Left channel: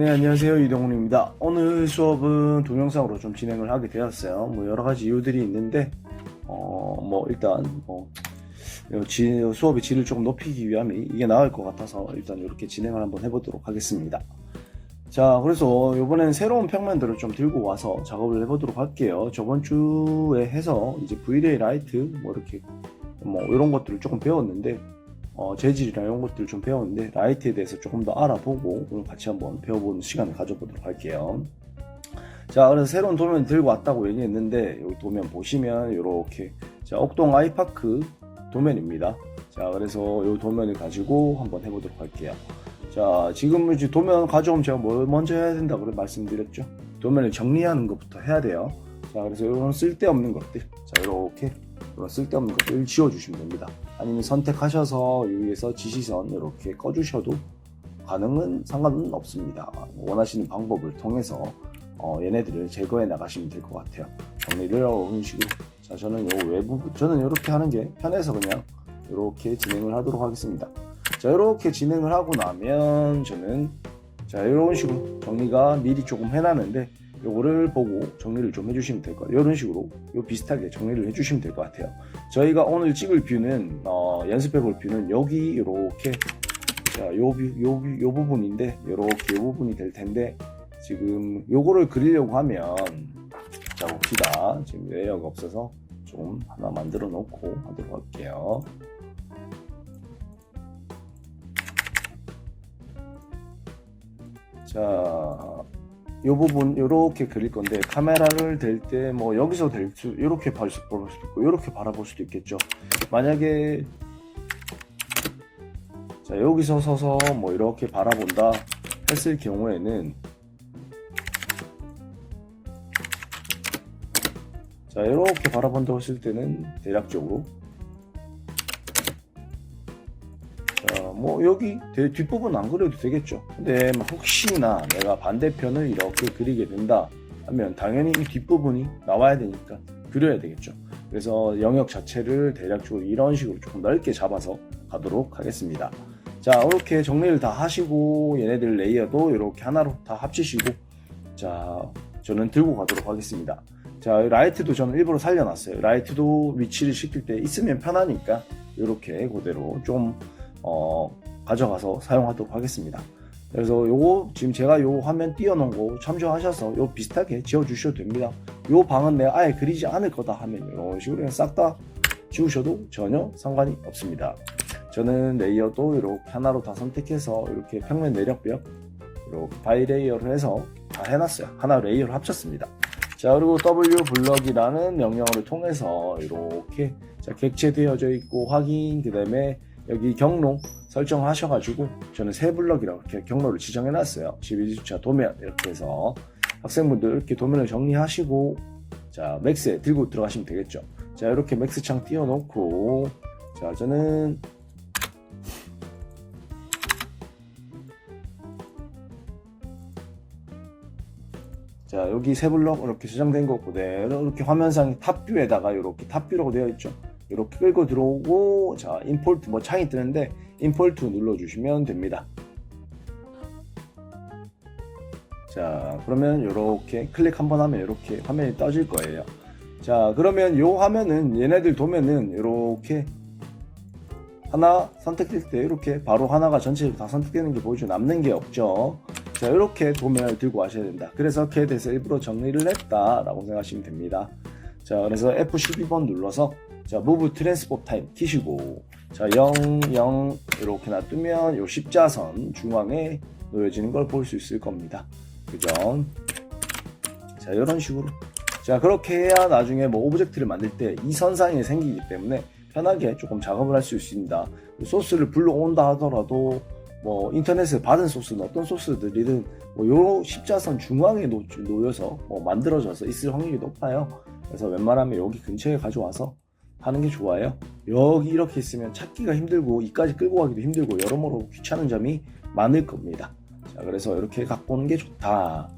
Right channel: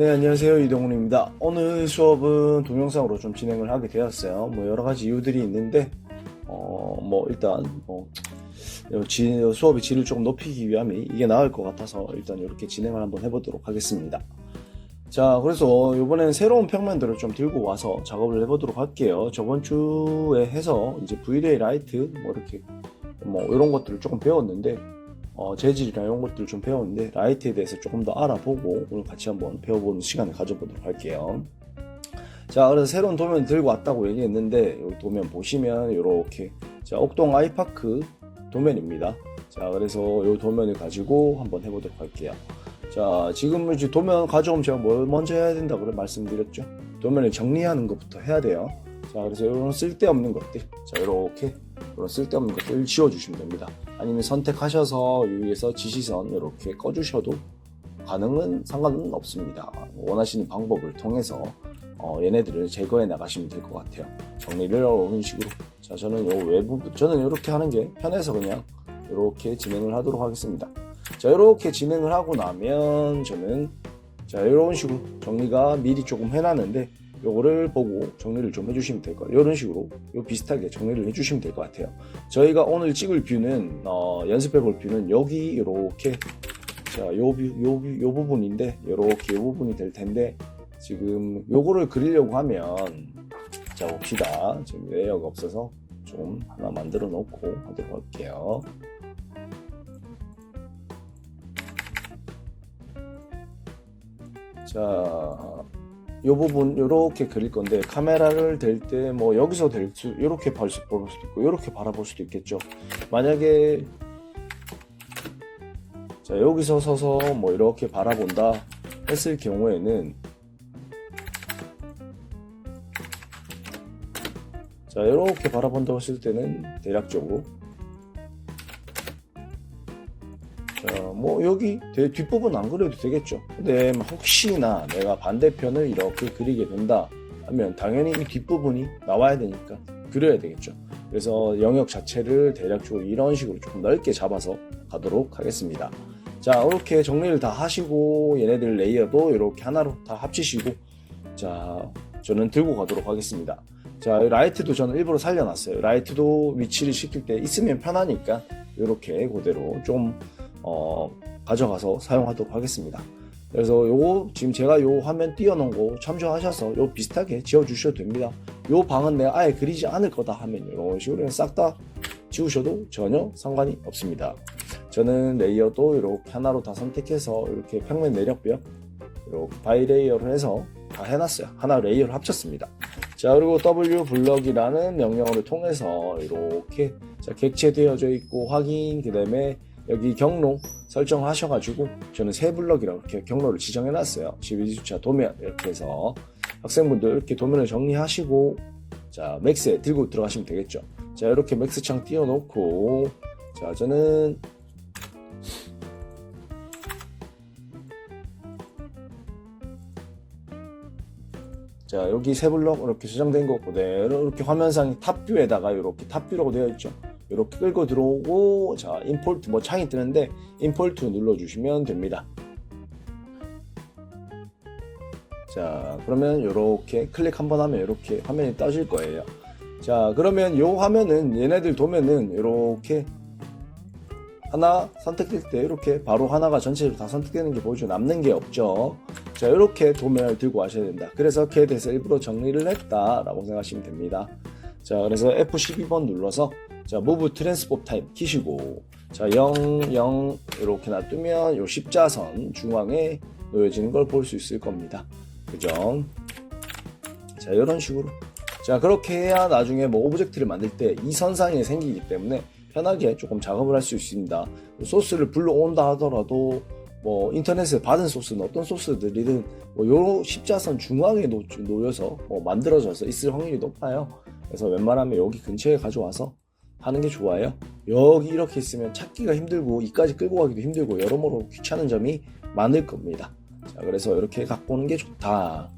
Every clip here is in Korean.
네, 안녕하세요. 이동훈입니다. 오늘 수업은 동영상으로 좀 진행을 하게 되었어요. 여러 가지 이유들이 있는데, 일단, 수업의 질을 조금 높이기 위함에 이게 나을 것 같아서 일단 이렇게 진행을 한번 해보도록 하겠습니다. 자, 그래서 이번에는 새로운 평면들을 좀 들고 와서 작업을 해보도록 할게요. 저번 주에 해서 이제 V-Ray 라이트, 이런 것들을 조금 배웠는데, 재질이나 이런 것들 좀 배웠는데 라이트에 대해서 조금 더 알아보고 오늘 같이 한번 배워보는 시간을 가져보도록 할게요. 자, 그래서 새로운 도면 들고 왔다고 얘기했는데 이 도면 보시면 이렇게 옥동 아이파크 도면입니다. 자, 그래서 이 도면을 가지고 한번 해보도록 할게요. 자, 지금 이제 도면 가져오면 제가 뭘 먼저 해야 된다고 말씀드렸죠. 도면을 정리하는 것부터 해야 돼요. 자, 그래서 이런 쓸데없는 것들, 자, 이렇게 쓸데없는 것들 지워주시면 됩니다. 아니면 선택하셔서 여기에서 지시선 이렇게 꺼주셔도 상관은 없습니다. 원하시는 방법을 통해서 얘네들을 제거해 나가시면 될 것 같아요. 정리를 이런 식으로. 자, 저는 저는 이렇게 하는 게 편해서 그냥 이렇게 진행을 하도록 하겠습니다. 자, 이렇게 진행을 하고 나면 저는 이런 식으로 정리가 미리 조금 해놨는데 요거를 보고 정리를 좀 해주시면 될 거예요. 이런 식으로 비슷하게 정리를 해주시면 될 것 같아요. 저희가 오늘 찍을 뷰는 연습해볼 뷰는 여기 이렇게 요 부분인데 이렇게 요 부분이 될 텐데 지금 요거를 그리려고 하면 자 봅시다. 지금 레이어가 없어서 좀 하나 만들어 놓고 하도록 할게요. 자, 요 부분 요렇게 그릴 건데 카메라를 댈 때 여기서 요렇게 볼 수도 있고 요렇게 바라볼 수도 있겠죠. 만약에 자 여기서 서서 이렇게 바라본다 했을 경우에는 자 이렇게 바라본다고 했을 때는 대략적으로 자 여기 뒷부분 안 그려도 되겠죠. 근데 혹시나 내가 반대편을 이렇게 그리게 된다 하면 당연히 이 뒷부분이 나와야 되니까 그려야 되겠죠. 그래서 영역 자체를 대략적으로 이런 식으로 조금 넓게 잡아서 가도록 하겠습니다. 자, 이렇게 정리를 다 하시고 얘네들 레이어도 이렇게 하나로 다 합치시고 자, 저는 들고 가도록 하겠습니다. 자, 라이트도 저는 일부러 살려놨어요. 라이트도 위치를 시킬 때 있으면 편하니까 이렇게 그대로 좀 가져가서 사용하도록 하겠습니다. 그래서 요거 지금 제가 요 화면 띄워놓은 거 참조하셔서 요 비슷하게 지워주셔도 됩니다. 요 방은 내가 아예 그리지 않을 거다 하면 이런 식으로 싹 다 지우셔도 전혀 상관이 없습니다. 저는 레이어도 이렇게 하나로 다 선택해서 이렇게 평면 내력벽 이렇게 바이 레이어를 해서 다 해놨어요. 하나 레이어를 합쳤습니다. 자, 그리고 W 블럭이라는 명령어를 통해서 이렇게 객체되어져 있고 확인, 그 다음에 여기 경로 설정하셔가지고 저는 세 블럭이라고 이렇게 경로를 지정해놨어요. 12주차 도면 이렇게 해서 학생분들 이렇게 도면을 정리하시고 자 맥스에 들고 들어가시면 되겠죠. 자 이렇게 맥스 창 띄워놓고 자 저는 자 여기 세 블럭 이렇게 저장된 거 그대로 이렇게 화면상 탑뷰에다가 이렇게 탑뷰라고 되어 있죠. 이렇게 끌고 들어오고 자 임포트 창이 뜨는데 임포트 눌러주시면 됩니다. 자 그러면 이렇게 클릭 한번 하면 이렇게 화면이 떠질 거예요. 자 그러면 이 화면은 얘네들 도면은 이렇게 하나 선택될 때 이렇게 바로 하나가 전체적으로 다 선택되는 게 보이죠. 남는 게 없죠. 자 이렇게 도면을 들고 하셔야 된다. 그래서 걔에대해서 일부러 정리를 했다 라고 생각하시면 됩니다. 자 그래서 F12번 눌러서 자 Move Transport Time 키시고 자 0, 0 이렇게 놔두면 요 십자선 중앙에 놓여지는 걸 볼 수 있을 겁니다. 그죠? 자 이런 식으로 자 그렇게 해야 나중에 오브젝트를 만들 때 이 선상에 생기기 때문에 편하게 조금 작업을 할 수 있습니다. 소스를 불러온다 하더라도 인터넷에 받은 소스는 어떤 소스들이든 요 십자선 중앙에 놓여서 만들어져서 있을 확률이 높아요. 그래서 웬만하면 여기 근처에 가져와서 하는 게 좋아요. 여기 이렇게 있으면 찾기가 힘들고 이까지 끌고 가기도 힘들고 여러모로 귀찮은 점이 많을 겁니다. 자, 그래서 이렇게 갖고 오는 게 좋다.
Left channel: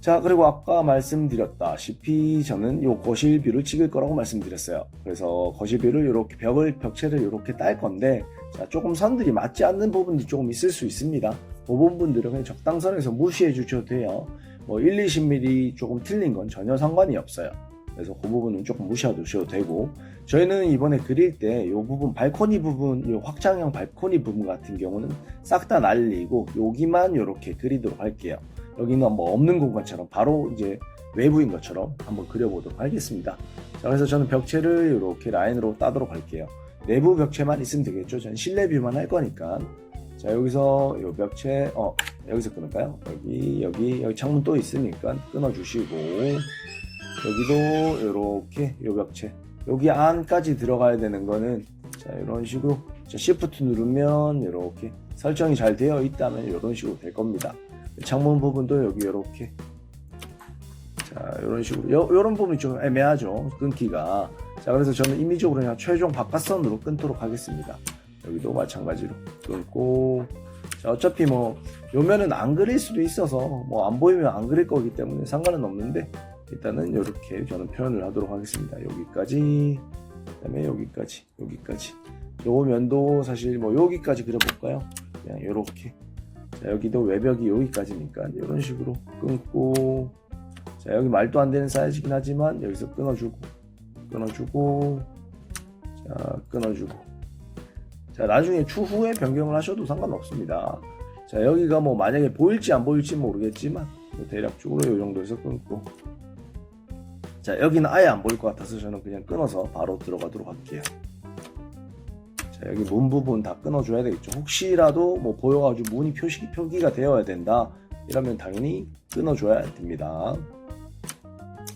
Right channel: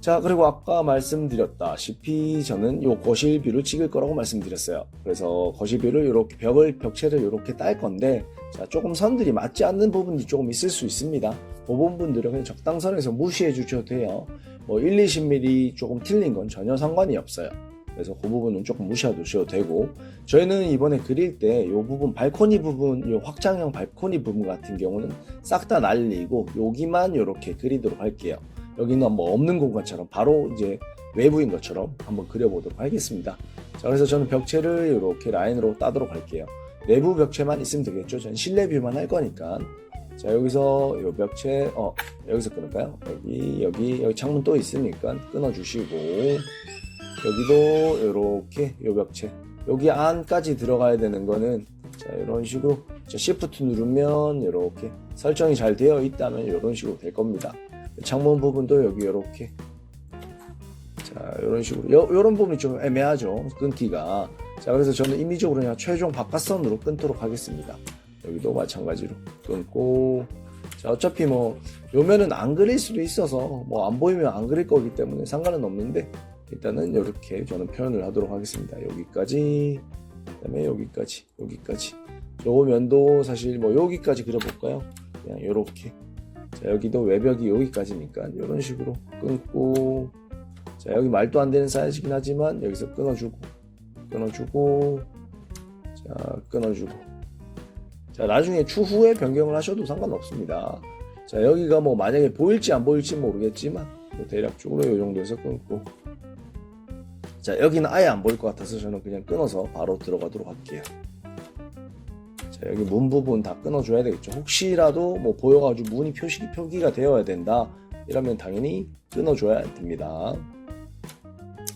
자, 그리고 아까 말씀드렸다시피 저는 요 거실 뷰를 찍을 거라고 말씀드렸어요. 그래서 거실 뷰를 이렇게 벽체를 이렇게 딸 건데 자, 조금 선들이 맞지 않는 부분이 조금 있을 수 있습니다. 부분들은 그냥 적당선에서 무시해 주셔도 돼요. 뭐 1, 20mm 조금 틀린 건 전혀 상관이 없어요. 그래서 그 부분은 조금 무시해 두셔도 되고, 저희는 이번에 그릴 때 이 부분 발코니 부분, 이 확장형 발코니 부분 같은 경우는 싹 다 날리고 여기만 이렇게 그리도록 할게요. 여기는 뭐 없는 공간처럼 바로 이제 외부인 것처럼 한번 그려보도록 하겠습니다. 자, 그래서 저는 벽체를 이렇게 라인으로 따도록 할게요. 내부 벽체만 있으면 되겠죠. 전 실내 뷰만 할 거니까. 자, 여기서 이 벽체 여기서 끊을까요? 여기 창문 또 있으니까 끊어주시고, 여기도 이렇게 이 벽체 여기 안까지 들어가야 되는 거는 자, 이런 식으로 Shift 누르면 이렇게 설정이 잘 되어 있다면 이런 식으로 될 겁니다. 창문 부분도 여기 이렇게 자, 이런 식으로 이런 부분이 좀 애매하죠, 끊기가. 자, 그래서 저는 임의적으로 그냥 최종 바깥선으로 끊도록 하겠습니다. 여기도 마찬가지로 끊고, 자, 어차피 뭐 요면은 안 그릴 수도 있어서 뭐 안 보이면 안 그릴 거기 때문에 상관은 없는데, 일단은 이렇게 저는 표현을 하도록 하겠습니다. 여기까지, 그다음에 여기까지. 요 면도 사실 뭐 여기까지 그려볼까요? 그냥 이렇게. 자, 여기도 외벽이 여기까지니까 이런 식으로 끊고, 자, 여기 말도 안 되는 사이즈긴 하지만 여기서 끊어주고, 자, 끊어주고. 자, 나중에 추후에 변경을 하셔도 상관없습니다. 자, 여기가 뭐 만약에 보일지 안 보일지 모르겠지만 뭐 대략적으로 이 정도에서 끊고, 자, 여기는 아예 안 보일 것 같아서 저는 그냥 끊어서 바로 들어가도록 할게요. 자, 여기 문 부분 다 끊어줘야 되겠죠. 혹시라도 뭐 보여가지고 문이 표기가 되어야 된다 이러면 당연히 끊어줘야 됩니다.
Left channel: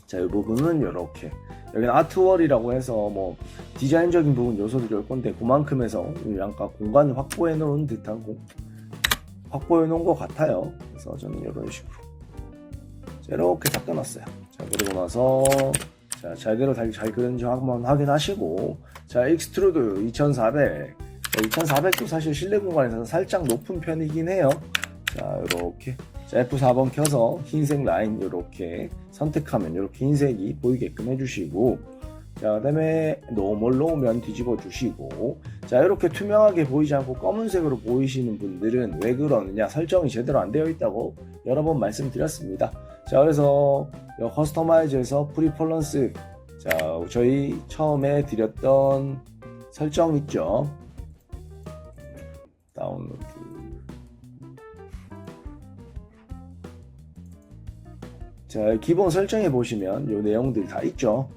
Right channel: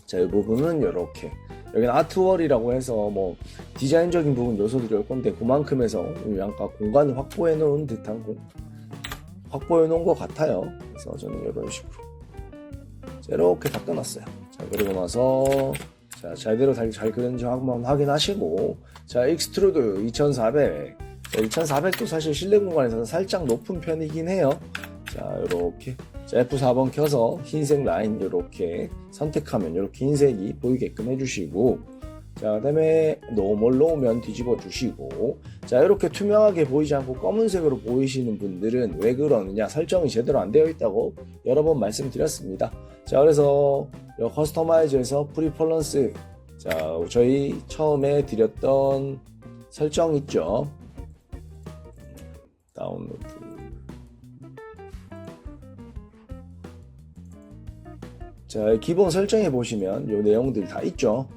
자, 이 부분은 이렇게, 여기는 아트월이라고 해서 뭐 디자인적인 부분 요소들이 올 건데 그만큼 해서 약간 공간을 확보해 놓은 듯한 확보해 놓은 것 같아요. 그래서 저는 이런 식으로 자, 이렇게 다 끊었어요. 자, 그리고 나서 자, 제대로 잘 그런지 한번 확인하시고, 자, 익스트루드 2400. 자, 2400도 사실 실내 공간에서 살짝 높은 편이긴 해요. 자, 이렇게 자, F4번 켜서 흰색 라인 이렇게 선택하면 이렇게 흰색이 보이게끔 해주시고, 자, 그 다음에 노멀로 면 뒤집어 주시고, 자, 이렇게 투명하게 보이지 않고 검은색으로 보이시는 분들은 왜 그러느냐, 설정이 제대로 안 되어 있다고 여러 번 말씀드렸습니다. 자, 그래서 커스터마이즈에서 프리폴런스, 자, 저희 처음에 드렸던 설정 있죠. 다운로드. 자, 기본 설정에 보시면 요 내용들 다 있죠.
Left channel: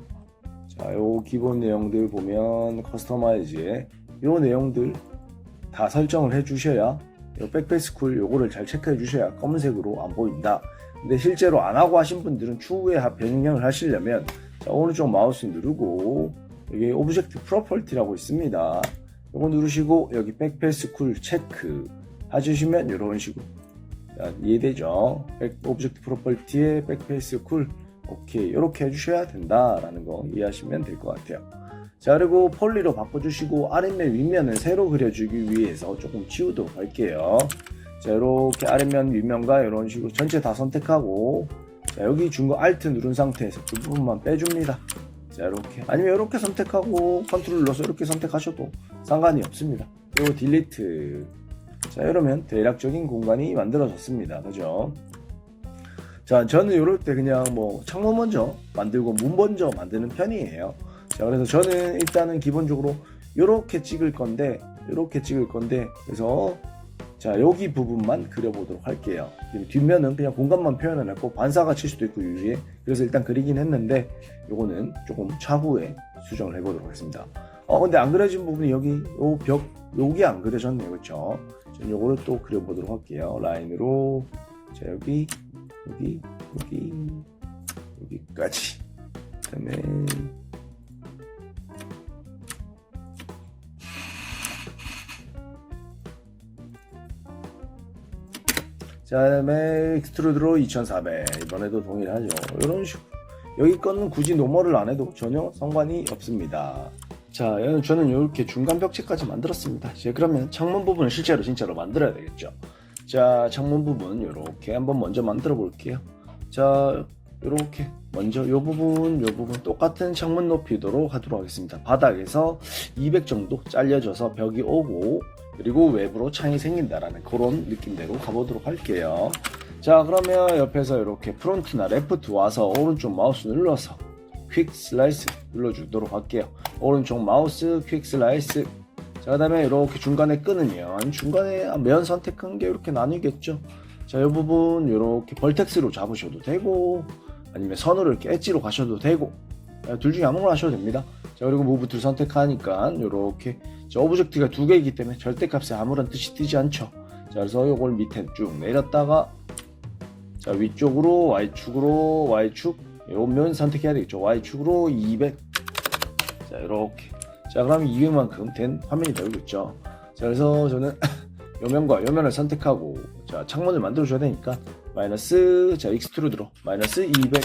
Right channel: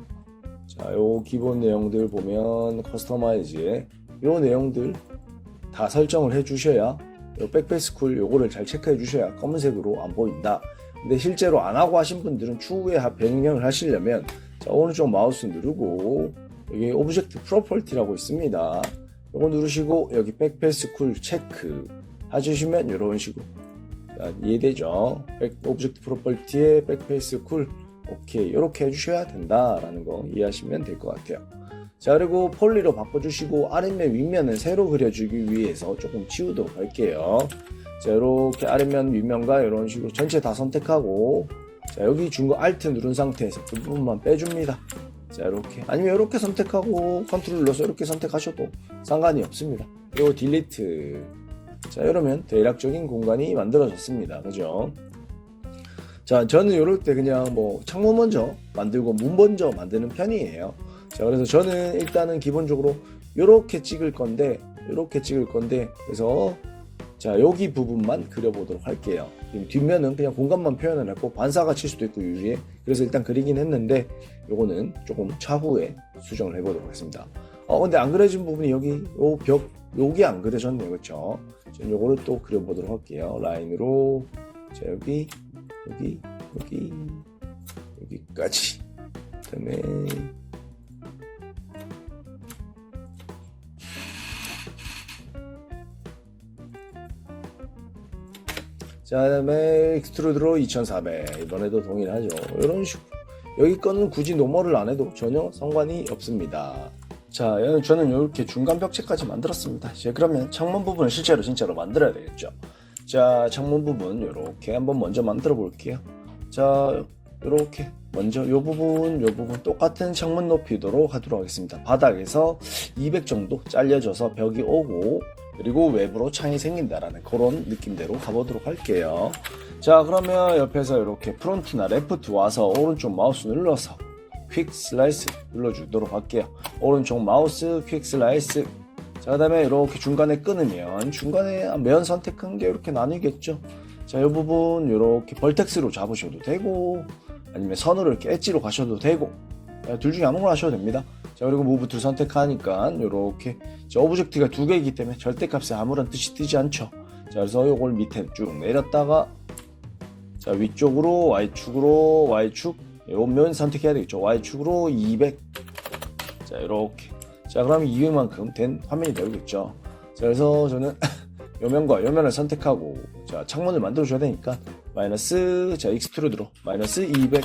자, 요 기본 내용들 보면 커스터마이즈에 요 내용들 다 설정을 해 주셔야, 요 백패스쿨 요거를 잘 체크해 주셔야 검은색으로 안 보인다. 근데 실제로 안 하고 하신 분들은 추후에 변경을 하시려면, 자, 오른쪽 마우스 누르고 여기 오브젝트 프로퍼티라고 있습니다. 요거 누르시고 여기 백패스쿨 체크 해주시면 이런 식으로, 자, 이해되죠? 오브젝트 프로퍼티에 백패스쿨 오케이, 이렇게 해주셔야 된다라는 거 이해하시면 될 것 같아요. 자, 그리고 폴리로 바꿔주시고 아랫면 윗면은 새로 그려주기 위해서 조금 치우도록 할게요. 자, 이렇게 아랫면 윗면과 이런 식으로 전체 다 선택하고, 자, 여기 준 거 Alt 누른 상태에서 그 부분만 빼줍니다. 자, 이렇게, 아니면 이렇게 선택하고 컨트롤 눌러서 이렇게 선택하셔도 상관이 없습니다. 그리고 딜리트. 자, 이러면 대략적인 공간이 만들어졌습니다. 그죠? 자, 저는 이럴 때 그냥 뭐 창문 먼저 만들고 문 먼저 만드는 편이에요. 자, 그래서 저는 일단은 기본적으로 이렇게 찍을 건데 그래서 자, 여기 부분만 그려보도록 할게요. 뒷면은 그냥 공간만 표현을 했고 반사가 칠 수도 있고 위에, 그래서 일단 그리긴 했는데 요거는 조금 차후에 수정을 해보도록 하겠습니다. 근데 안 그려진 부분이 여기 요 벽 여기 안 그려졌네요. 그렇죠? 저는 요거를 또 그려보도록 할게요. 라인으로. 자, 여기까지. 그다음에 자, 그다음에 익스트루드로 2400. 이번에도 동일하죠. 이런 식으로. 여기 거는 굳이 노멀을 안 해도 전혀 상관이 없습니다. 자, 저는 이렇게 중간 벽체까지 만들었습니다. 이제 그러면 창문 부분을 진짜로 만들어야 되겠죠. 자, 창문 부분 이렇게 한번 먼저 만들어 볼게요. 자, 이렇게 먼저 요 부분 똑같은 창문 높이도록 하도록 하겠습니다. 바닥에서 200 정도 잘려져서 벽이 오고, 그리고 외부로 창이 생긴다라는 그런 느낌대로 가보도록 할게요. 자, 그러면 옆에서 이렇게 프론트나 레프트 와서 오른쪽 마우스 눌러서 퀵 슬라이스 눌러주도록 할게요. 오른쪽 마우스 퀵 슬라이스. 자, 그 다음에 이렇게 중간에 끊으면 중간에 면 선택한 게 이렇게 나뉘겠죠. 자, 이 부분 이렇게 벌텍스로 잡으셔도 되고 아니면 선으로 이렇게 엣지로 가셔도 되고 둘 중에 아무거나 하셔도 됩니다. 자, 그리고 무브 툴 선택하니까 이렇게 오브젝트가 두 개이기 때문에 절대값에 아무런 뜻이 뜨지 않죠. 자, 그래서 이걸 밑에 쭉 내렸다가 자, 위쪽으로 Y축으로 Y축 면 선택해야 되겠죠. Y축으로 200. 자, 이렇게. 자, 그럼 200만큼 된 화면이 되겠죠. 자, 그래서 저는 요면과 요면을 선택하고 자, 창문을 만들어 줘야 되니까 마이너스 자, 익스트루드로 마이너스 200.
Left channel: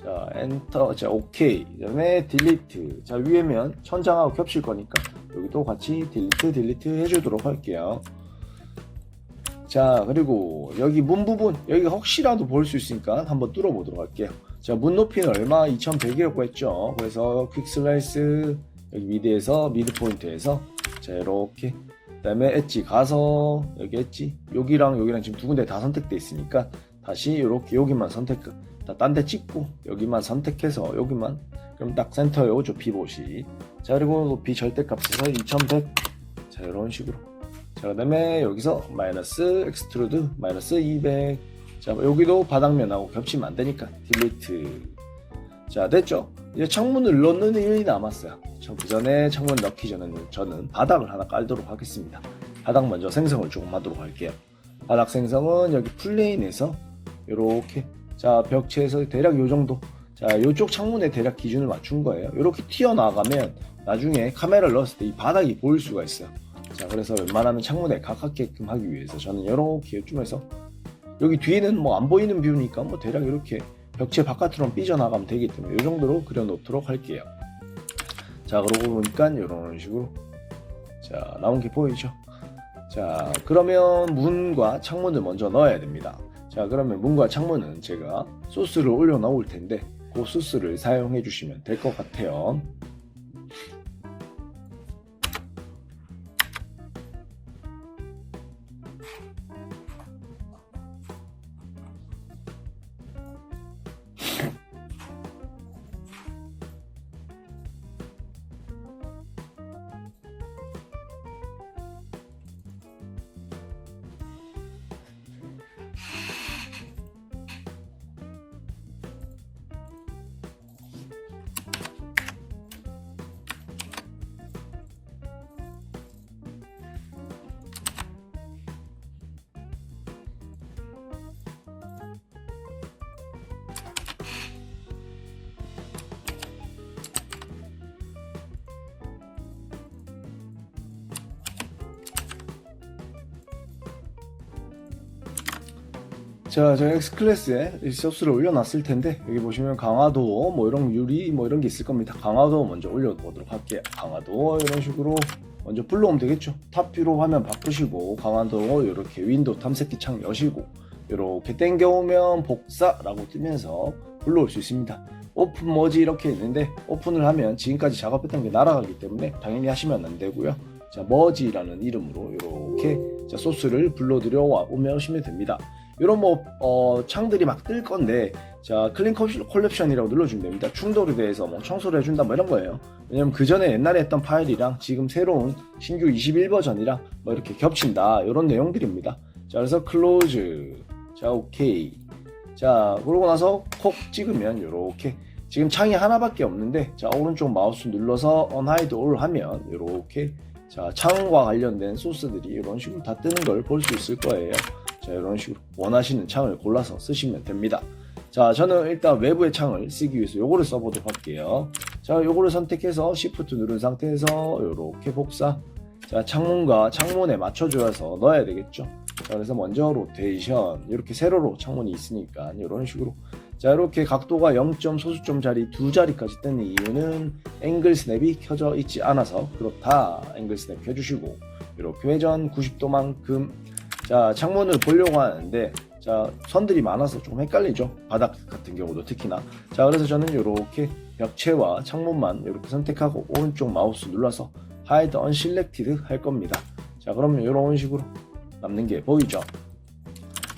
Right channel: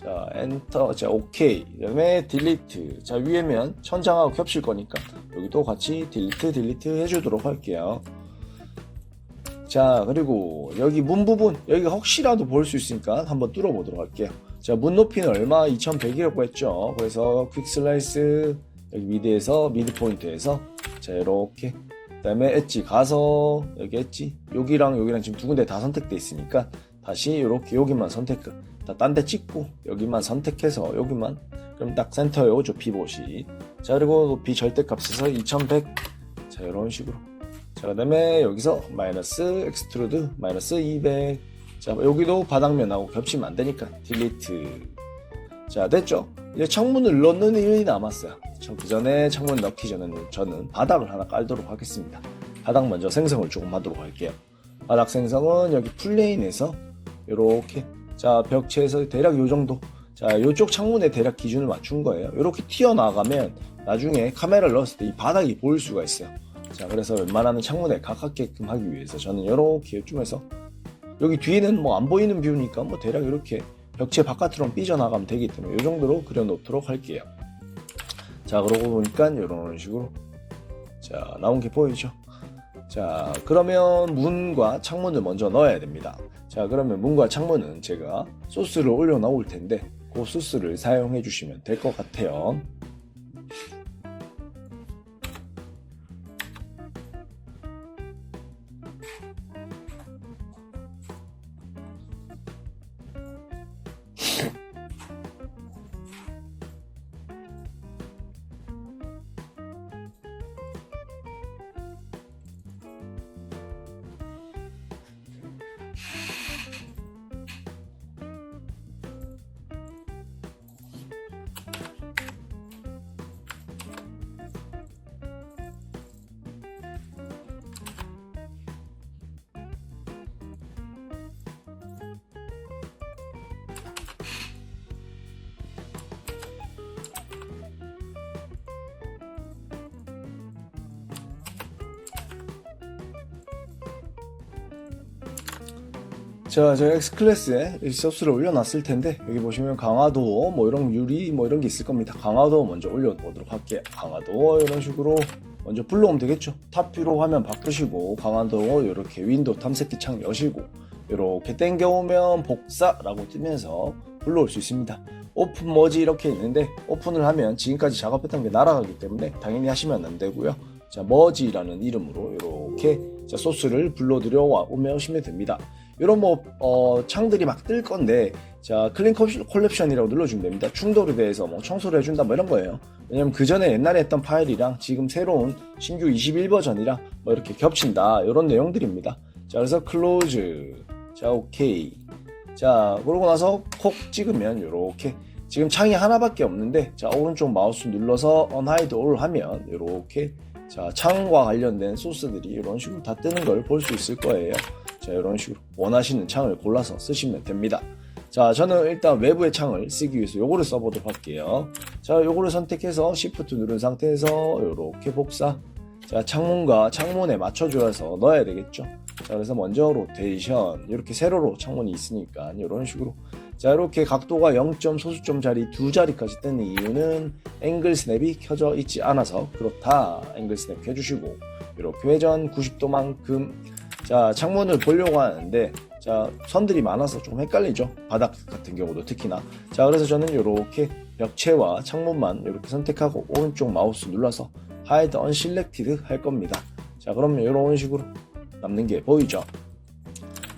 자, 엔터. 자, 오케이. 그다음에 딜리트. 자, 위에면 천장하고 겹칠 거니까 여기도 같이 딜리트 해주도록 할게요. 자, 그리고 여기 문 부분 여기가 혹시라도 볼 수 있으니까 한번 뚫어 보도록 할게요. 자, 문 높이는 얼마? 2100이라고 했죠. 그래서 퀵 슬라이스 여기 미드에서 미드 포인트에서 자, 이렇게 그다음에 엣지 가서 여기 엣지 여기랑 여기랑 지금 두 군데 다 선택돼 있으니까 다시 이렇게 여기만 선택 딴 데 찍고 여기만 선택해서 여기만 그럼 딱 센터에 오죠. 피봇이. 자, 그리고 높이 절대값에서 2100. 자, 이런 식으로. 자, 그 다음에 여기서 마이너스 엑스트루드 마이너스 200. 자, 여기도 바닥면하고 겹치면 안 되니까 딜리트. 자, 됐죠? 이제 창문을 넣는 일이 남았어요. 그 전에 창문 넣기 전에는 저는 바닥을 하나 깔도록 하겠습니다. 바닥 먼저 생성을 조금 하도록 할게요. 바닥 생성은 여기 플레인에서 이렇게 자, 벽체에서 대략 요 정도. 자, 요쪽 창문에 대략 기준을 맞춘 거예요. 이렇게 튀어나가면 나중에 카메라를 넣었을 때 이 바닥이 보일 수가 있어요. 자, 그래서 웬만하면 창문에 가깝게끔 하기 위해서 저는 이렇게 이쪽에서 여기 뒤에는 뭐 안 보이는 뷰니까 뭐 대략 이렇게 벽체 바깥으로 삐져나가면 되기 때문에 이 정도로 그려놓도록 할게요. 자, 그러고 보니까 이런 식으로 자, 나온 게 보이죠? 자, 그러면 문과 창문을 먼저 넣어야 됩니다. 자, 그러면 문과 창문은 제가 소스를 올려 나올 텐데 그 소스를 사용해 주시면 될 것 같아요. 자, 저 X클래스에 이 소스를 올려놨을 텐데 여기 보시면 강화도 뭐 이런 유리 뭐 이런 게 있을 겁니다. 강화도 먼저 올려보도록 할게요. 강화도 이런 식으로 먼저 불러오면 되겠죠. 탑뷰로 화면 바꾸시고 강화도 이렇게 윈도우 탐색기 창 여시고 이렇게 당겨오면 복사라고 뜨면서 불러올 수 있습니다. 오픈 머지 이렇게 있는데 오픈을 하면 지금까지 작업했던 게 날아가기 때문에 당연히 하시면 안 되고요. 자, 머지라는 이름으로 이렇게 자, 소스를 불러들여 오시면 됩니다. 이런 창들이 막 뜰 건데 자, 클린 컬렉션이라고 눌러주면 됩니다. 충돌에 대해서 뭐 청소를 해준다 뭐 이런 거예요. 왜냐면 그 전에 옛날에 했던 파일이랑 지금 새로운 신규 21버전이랑 뭐 이렇게 겹친다 이런 내용들입니다. 자, 그래서 클로즈. 자, 오케이. 자, 그러고 나서 콕 찍으면 이렇게 지금 창이 하나밖에 없는데 자, 오른쪽 마우스 눌러서 unhide all 하면 이렇게 자, 창과 관련된 소스들이 이런 식으로 다 뜨는 걸 볼 수 있을 거예요. 자, 이런 식으로 원하시는 창을 골라서 쓰시면 됩니다. 자, 저는 일단 외부의 창을 쓰기 위해서 요거를 써보도록 할게요. 자, 요거를 선택해서 Shift 누른 상태에서 이렇게 복사. 자, 창문과 창문에 맞춰줘서 넣어야 되겠죠. 자, 그래서 먼저 로테이션 이렇게 세로로 창문이 있으니까 이런 식으로 자, 이렇게 각도가 0점 소수점짜리 두 자리까지 뜨는 이유는 앵글 스냅이 켜져 있지 않아서 그렇다. 앵글 스냅 켜주시고 이렇게 회전 90도만큼 자, 창문을 보려고 하는데 자, 선들이 많아서 좀 헷갈리죠. 바닥 같은 경우도 특히나. 자, 그래서 저는 이렇게 벽체와 창문만 이렇게 선택하고 오른쪽 마우스 눌러서 Hide Unselected 할 겁니다. 자, 자, 그러면 이런 식으로 남는 게 보이죠?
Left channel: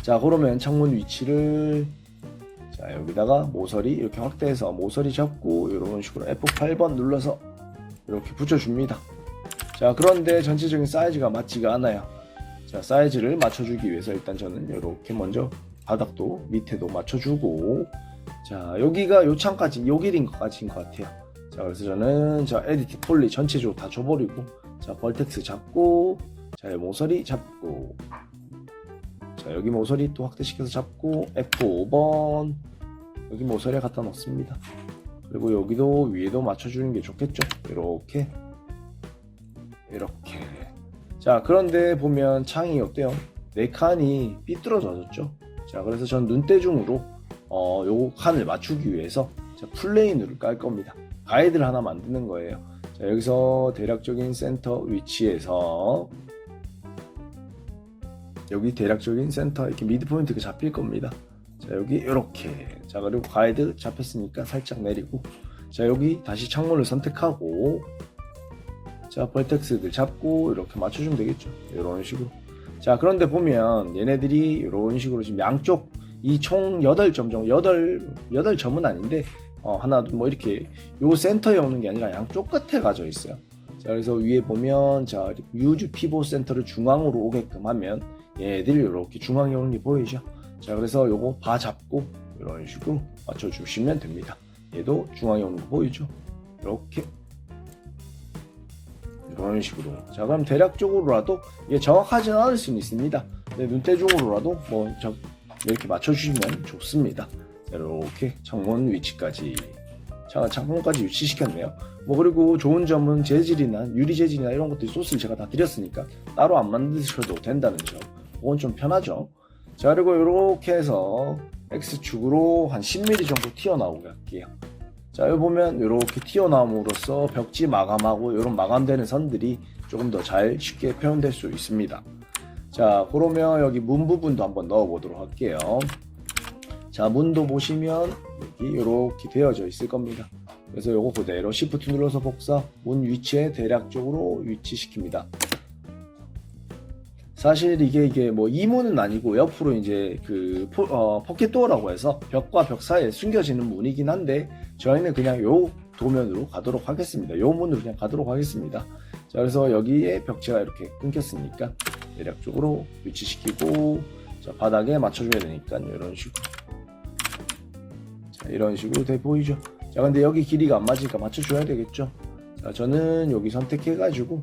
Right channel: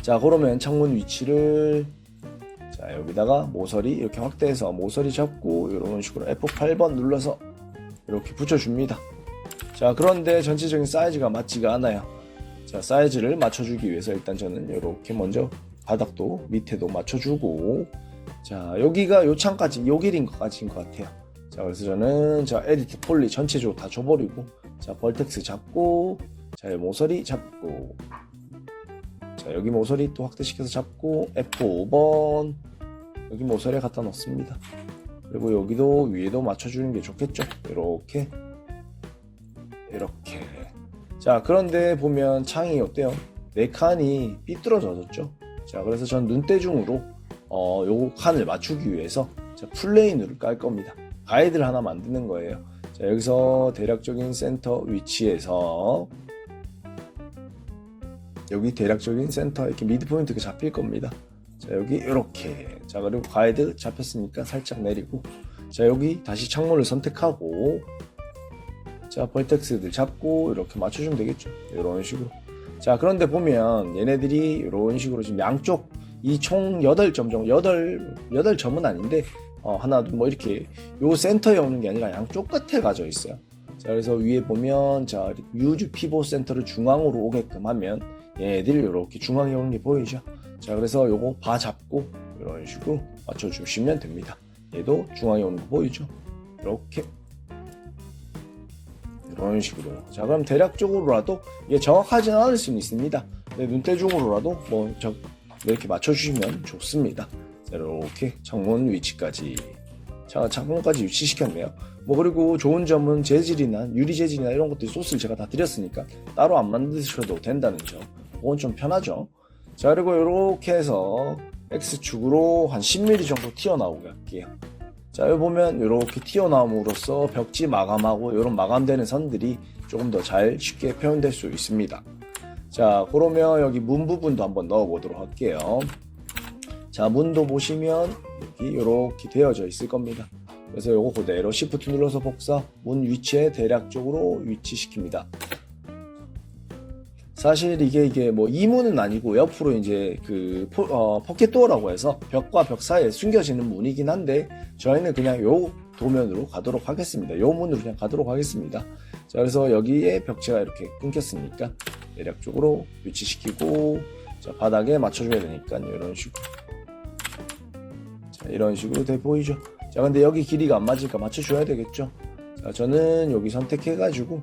자, 그러면 창문 위치를 자, 여기다가 모서리 이렇게 확대해서 모서리 잡고 이런 식으로 F8번 눌러서 이렇게 붙여줍니다. 자, 그런데 전체적인 사이즈가 맞지가 않아요. 자, 사이즈를 맞춰주기 위해서 일단 저는 이렇게 먼저 바닥도 밑에도 맞춰주고, 자, 여기가 요 창까지 요 길인 것까지인 것 같아요. 자, 그래서 저는 자, 에디트 폴리 전체적으로 다 줘버리고, 자, 벌텍스 잡고, 자, 모서리 잡고, 자, 여기 모서리 또 확대시켜서 잡고, F5번 여기 모서리에 갖다 놓습니다. 그리고 여기도 위에도 맞춰주는 게 좋겠죠. 이렇게 자, 그런데 보면 창이 어때요? 네 칸이 삐뚤어졌죠. 자, 그래서 전 눈대중으로 요 칸을 맞추기 위해서 자, 플레인으로 깔 겁니다. 가이드를 하나 만드는 거예요. 자, 여기서 대략적인 센터 위치에서 여기 대략적인 센터 이렇게 미드 포인트가 잡힐 겁니다. 자, 여기 이렇게. 자, 그리고 가이드 잡혔으니까 살짝 내리고, 자, 여기 다시 창문을 선택하고, 자, 벌텍스들 잡고 이렇게 맞춰주면 되겠죠. 이런 식으로. 자, 그런데 보면 얘네들이 이런 식으로 지금 양쪽 이 총 8점 정도, 8점은 아닌데 하나 뭐 이렇게 요 센터에 오는 게 아니라 양쪽 끝에 가져 있어요. 자, 그래서 위에 보면 자, 유즈 피봇 센터를 중앙으로 오게끔 하면 얘네들이 이렇게 중앙에 오는 게 보이죠. 자, 그래서 요거 바 잡고 이런 식으로 맞춰주시면 됩니다. 얘도 중앙에 오는 거 보이죠. 이렇게 이런 식으로요. 자, 그럼 대략적으로라도 이게 정확하지는 않을 수는 있습니다. 눈대중으로라도 뭐 이렇게 맞춰주시면 좋습니다. 자, 이렇게 창문 위치까지. 자, 창문까지 위치시켰네요. 뭐 그리고 좋은 점은 재질이나 유리 재질이나 이런 것들 소스를 제가 다 드렸으니까 따로 안 만드셔도 된다는 점. 그건 좀 편하죠. 자, 그리고 이렇게 해서 X축으로 한 10mm 정도 튀어나오게 할게요. 자, 여기 보면 이렇게 튀어나옴으로써 벽지 마감하고 이런 마감되는 선들이 조금 더 잘 쉽게 표현될 수 있습니다. 자, 그러면 여기 문 부분도 한번 넣어 보도록 할게요. 자, 문도 보시면 여기 이렇게 되어져 있을 겁니다. 그래서 요거 그대로 Shift 눌러서 복사, 문 위치에 대략적으로 위치시킵니다. 사실 이게 뭐 이문은 아니고 옆으로 이제 그 포켓도어라고 해서 벽과 벽 사이에 숨겨지는 문이긴 한데 저희는 그냥 요 도면으로 가도록 하겠습니다. 요 문으로 그냥 가도록 하겠습니다. 자, 그래서 여기에 벽체가 이렇게 끊겼으니까 대략적으로 위치시키고, 자, 바닥에 맞춰줘야 되니까 이런 식으로. 자, 이런 식으로 돼 보이죠. 자, 근데 여기 길이가 안 맞으니까 맞춰줘야 되겠죠. 자, 저는 여기 선택해가지고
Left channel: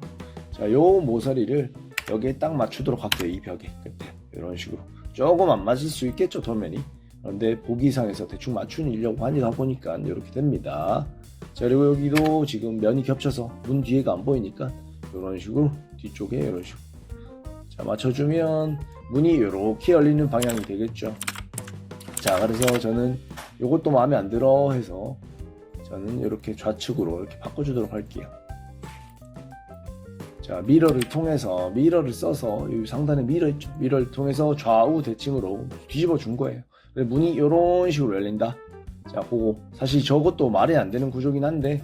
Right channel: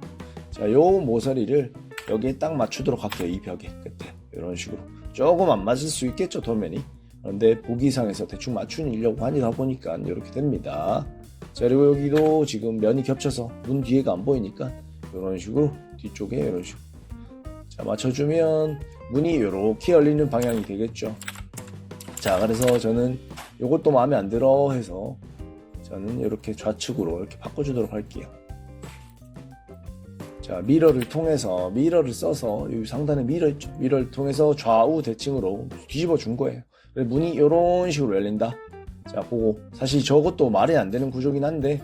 자, 요 모서리를 여기에 딱 맞추도록 할게요. 이 벽에 끝에 이런 식으로. 조금 안 맞을 수 있겠죠, 도면이. 그런데 보기상에서 대충 맞추려고 하니다 보니까 이렇게 됩니다. 자, 그리고 여기도 지금 면이 겹쳐서 문 뒤에가 안 보이니까 이런 식으로 뒤쪽에 이런 식으로 자, 맞춰주면 문이 이렇게 열리는 방향이 되겠죠. 자, 그래서 저는 이것도 마음에 안 들어 해서 저는 이렇게 좌측으로 이렇게 바꿔주도록 할게요. 자, 미러를 써서 여기 상단에 미러 있죠. 미러를 통해서 좌우 대칭으로 뒤집어 준 거예요. 문이 이런 식으로 열린다. 자, 보고 사실 저것도 말이 안 되는 구조긴 한데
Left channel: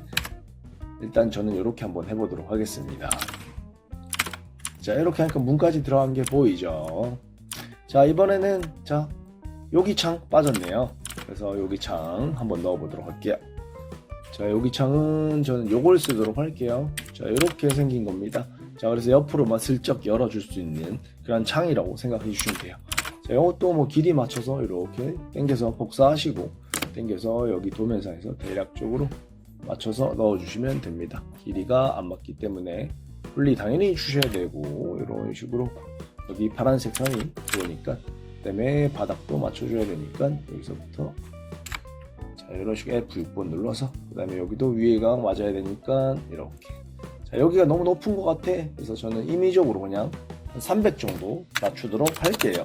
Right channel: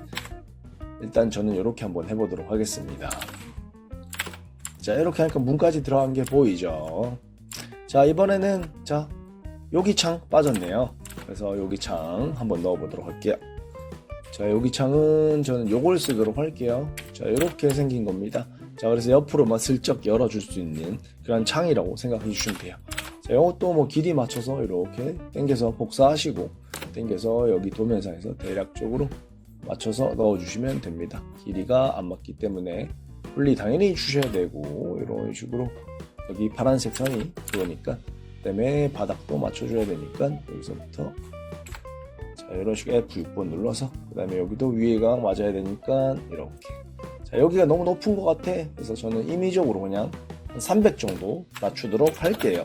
일단 저는 이렇게 한번 해보도록 하겠습니다. 자, 이렇게 하니까 문까지 들어간 게 보이죠. 자, 이번에는 자, 여기 창 빠졌네요. 그래서 여기 창 한번 넣어보도록 할게요. 자, 여기 창은 저는 요걸 쓰도록 할게요. 자, 이렇게 생긴 겁니다. 자, 그래서 옆으로만 슬쩍 열어줄 수 있는 그런 창이라고 생각해 주시면 돼요. 자, 이것도 뭐 길이 맞춰서 이렇게 당겨서 복사하시고 당겨서 여기 도면상에서 대략적으로 맞춰서 넣어주시면 됩니다. 길이가 안 맞기 때문에 분리 당연히 주셔야 되고 이런 식으로 여기 파란색 선이 들어오니까 그다음에 바닥도 맞춰줘야 되니까 여기서부터 자, 이런 식으로 F6번 눌러서 그 다음에 여기도 위에가 맞아야 되니까 이렇게. 자, 여기가 너무 높은 것 같아. 그래서 저는 임의적으로 그냥 한 300 정도 맞추도록 할게요.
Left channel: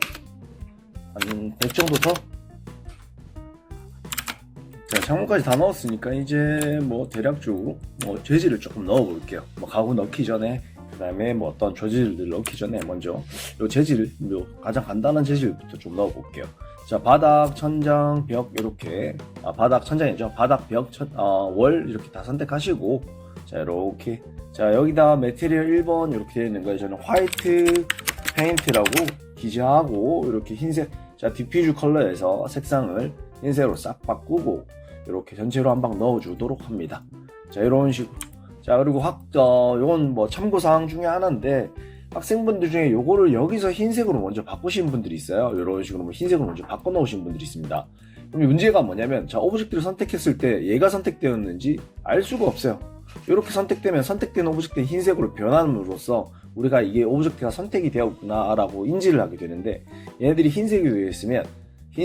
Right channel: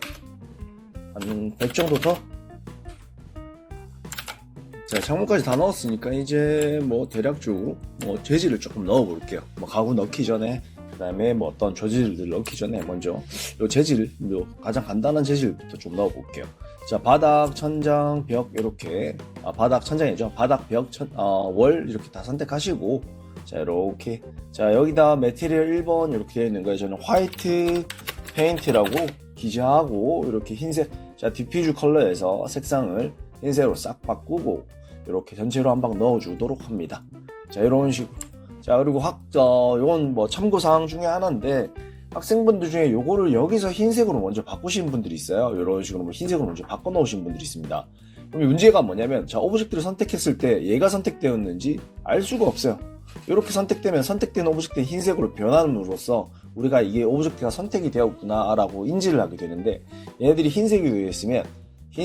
한 100 정도 더. 자, 창문까지 다 넣었으니까 이제 뭐 대략적으로 뭐 재질을 조금 넣어 볼게요. 뭐 가구 넣기 전에 그 다음에 뭐 어떤 조질들 넣기 전에 먼저 요 재질, 요 가장 간단한 재질부터 좀 넣어 볼게요. 자, 바닥, 천장, 벽 이렇게 바닥, 천장이죠. 바닥, 벽, 월 이렇게 다 선택하시고 자, 이렇게. 자, 여기다 매트리얼 1번 이렇게 되어 있는 거예요. 저는 화이트 페인트라고 기재하고, 이렇게 흰색, 자, 디퓨즈 컬러에서 색상을 흰색으로 싹 바꾸고, 이렇게 전체로 한 방 넣어주도록 합니다. 자, 이런 식으로. 자, 그리고 요건 뭐 참고사항 중에 하나인데, 학생분들 중에 요거를 여기서 흰색으로 먼저 바꾸신 분들이 있어요. 이런 식으로 뭐 흰색으로 먼저 바꿔 놓으신 분들이 있습니다. 그럼 문제가 뭐냐면, 자, 오브젝트를 선택했을 때 얘가 선택되었는지 알 수가 없어요. 이렇게 선택되면 선택된 오브젝트의 흰색으로 변함으로써 우리가 이게 오브젝트가 선택이 되었구나 라고 인지를 하게 되는데, 얘네들이 흰색이 되어 있으면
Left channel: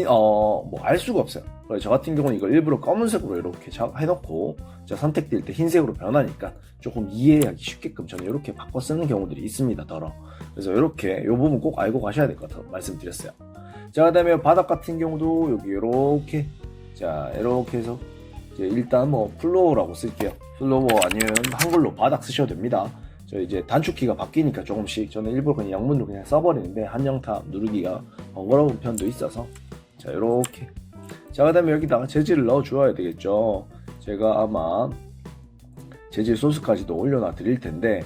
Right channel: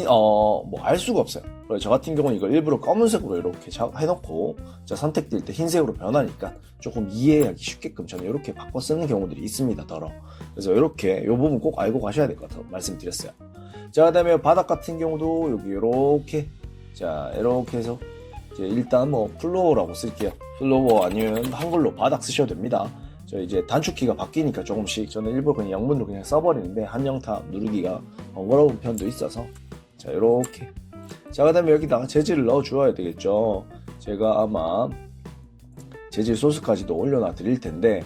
뭐 알 수가 없어요. 그래서 저 같은 경우는 이걸 일부러 검은색으로 이렇게 해놓고, 자, 선택될 때 흰색으로 변하니까 조금 이해하기 쉽게끔 저는 이렇게 바꿔 쓰는 경우들이 있습니다. 그래서 이렇게 이 부분 꼭 알고 가셔야 될 것 같아서 말씀드렸어요. 자, 그 다음에 바닥 같은 경우도 여기 이렇게, 자, 이렇게 해서 이제 일단 뭐 플로어라고 쓸게요. 플로어 아니면 한글로 바닥 쓰셔도 됩니다. 저 이제 단축키가 바뀌니까 조금씩 저는 일부러 그냥 영문으로 그냥 써버리는데 한영탑 누르기가 번거로운 편도 있어서, 자, 이렇게. 자, 그 다음에 여기다가 재질을 넣어 주어야 되겠죠. 제가 아마 재질 소스까지도 올려놔 드릴 텐데,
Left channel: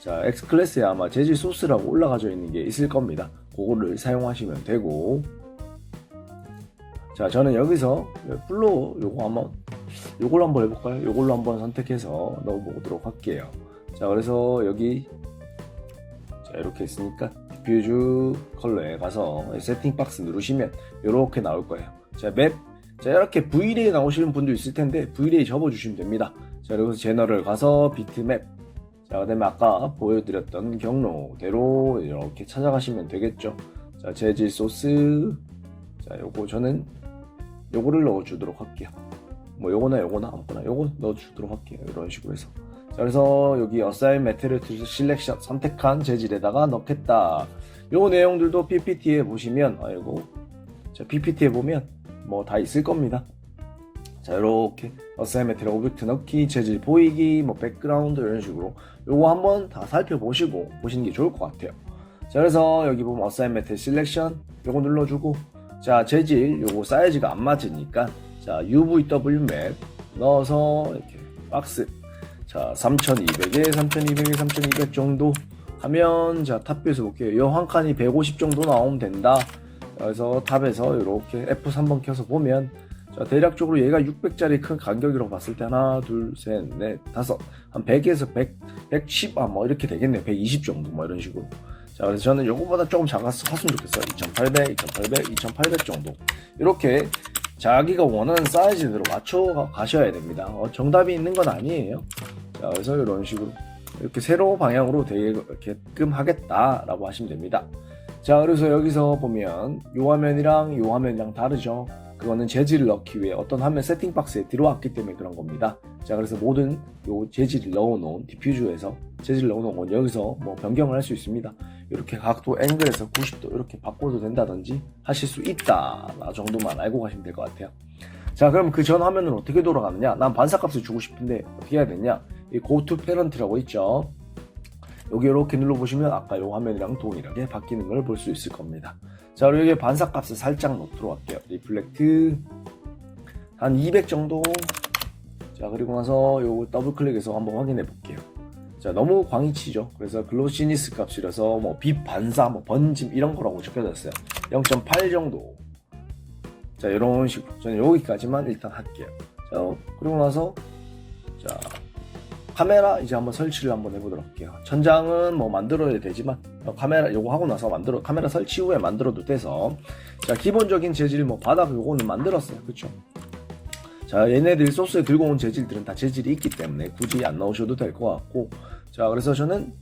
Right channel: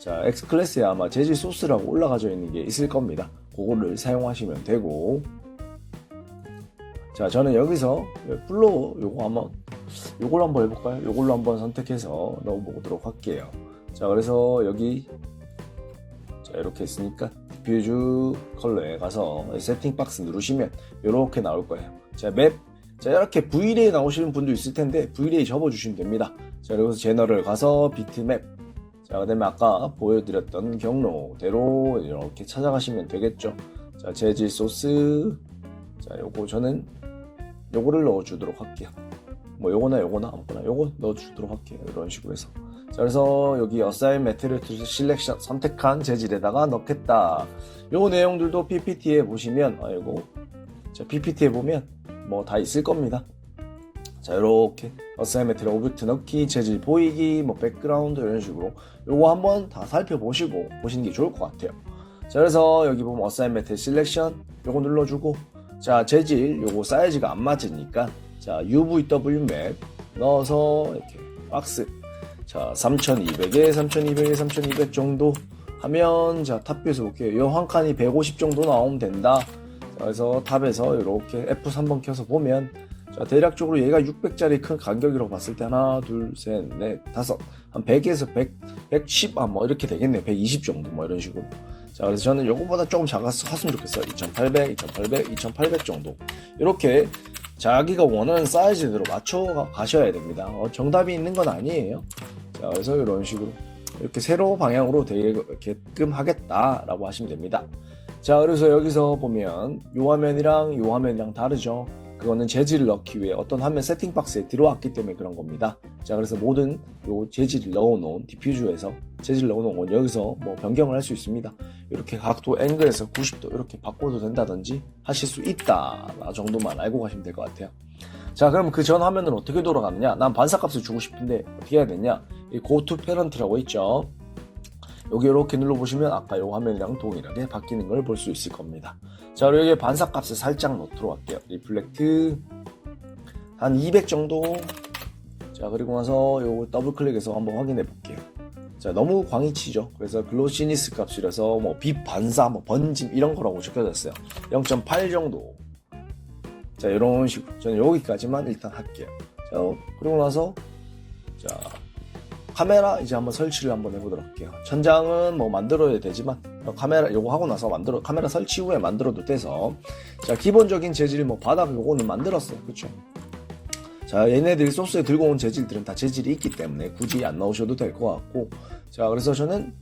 자, X클래스에 아마 재질 소스라고 올라가져 있는 게 있을 겁니다. 그거를 사용하시면 되고, 자, 저는 여기서 플로어 요걸로 한번 해볼까요? 요걸로 한번 선택해서 넣어보도록 할게요. 자, 그래서 여기, 자, 이렇게 했으니까 디퓨즈 컬러에 가서 세팅 박스 누르시면 이렇게 나올 거예요. 자, 맵, 자, 이렇게 Vray 나오시는 분도 있을 텐데 Vray 접어주시면 됩니다. 자, 그리고 제너럴 가서 비트맵, 자, 그 다음에 아까 보여드렸던 경로대로 이렇게 찾아가시면 되겠죠. 자, 재질 소스, 자, 요거 저는 요거를 넣어주도록 할게요. 뭐 요거나 아무거나 요거 넣어주도록 할게요. 이런 식으로 해서. 자, 그래서 여기 Assign Material to Selection 선택한 재질에다가 넣겠다. 요 내용들도 PPT에 보시면, 자, PPT에 보면 뭐 다 있을 겁니다. 자, 이렇게 Assign Material 오브젝트 넣기, 재질 보이기, 뭐 백그라운드 이런 식으로 요거 한번 다 살펴보시고 보시는 게 좋을 것 같아요. 자, 그래서 여기 보면 Assign Material Selection 요거 눌러주고, 자, 재질 요거 사이즈가 안 맞으니까, 자, UVW 맵 넣어서 이렇게 박스, 자, 3200에 3200에 3200 정도 하면, 자, 탑뷰에서 볼게요. 요 한 칸이 150 정도 나오면 된다. 그래서 탑에서 이렇게 F3번 켜서 보면, 자, 대략적으로 얘가 600짜리 큰 간격이라고 봤을 때 하나, 둘, 셋, 넷, 다섯, 한 100에서 100, 110, 뭐 이렇게 되겠네요. 120 정도 뭐 이런 식으로. 자, 그래서 저는 요거보다 조금 작았으면 좋겠어요. 2800, 2800, 2800 정도. 이렇게 자기가 원하는 사이즈대로 맞춰 가셔야 됩니다. 정답이 있는 건 아니에요. 자, 그래서 이런 식으로 이렇게 세로 방향으로 되게끔 하겠다라고 하시면 됩니다. 자, 그래서 여기서 보면 요 화면이랑 다르죠. 그거는 재질을 넣기 위해 어떤 화면 세팅 박스에 들어왔기 때문에 그런 겁니다. 자, 그래서 모든 요 재질을 넣어놓은 디퓨저에서 재질을 넣어놓은 건 여기서 뭐 변경을 할 수 있습니다. 이렇게 각도 앵글에서 90도 이렇게 바꿔도 된다든지 하실 수 있다 정도만 알고 가시면 될 것 같아요. 자, 그럼 그 전 화면은 어떻게 돌아가느냐? 난 반사값을 주고 싶은데 어떻게 해야 되냐? 이 Go to Parent라고 있죠. 여기 이렇게 눌러보시면 아까 요 화면이랑 동일하게 바뀌는 걸 볼 수 있을 겁니다. 자, 그리고 여기 반사값을 살짝 넣도록 할게요. 리플렉트 한 200 정도. 자, 그리고 나서 요 더블 클릭해서 한번 확인해 볼게요. 자, 너무 광이 치죠. 그래서 글로시니스 값이라서 뭐 빛 반사, 뭐 번짐 이런 거라고 적혀졌어요. 0.8 정도. 자, 이런 식으로 저는 여기까지만 일단 할게요. 자, 그리고 나서, 자, 카메라 이제 한번 설치를 한번 해보도록 할게요. 천장은 뭐 만들어야 되지만 카메라 요거 하고 나서 카메라 설치 후에 만들어도 돼서, 자, 기본적인 재질 뭐 바닥 요거는 만들었어요. 그쵸? 자, 얘네들 소스에 들고 온 재질들은 다 재질이 있기 때문에 굳이 안 넣으셔도 될 것 같고, 자, 그래서 저는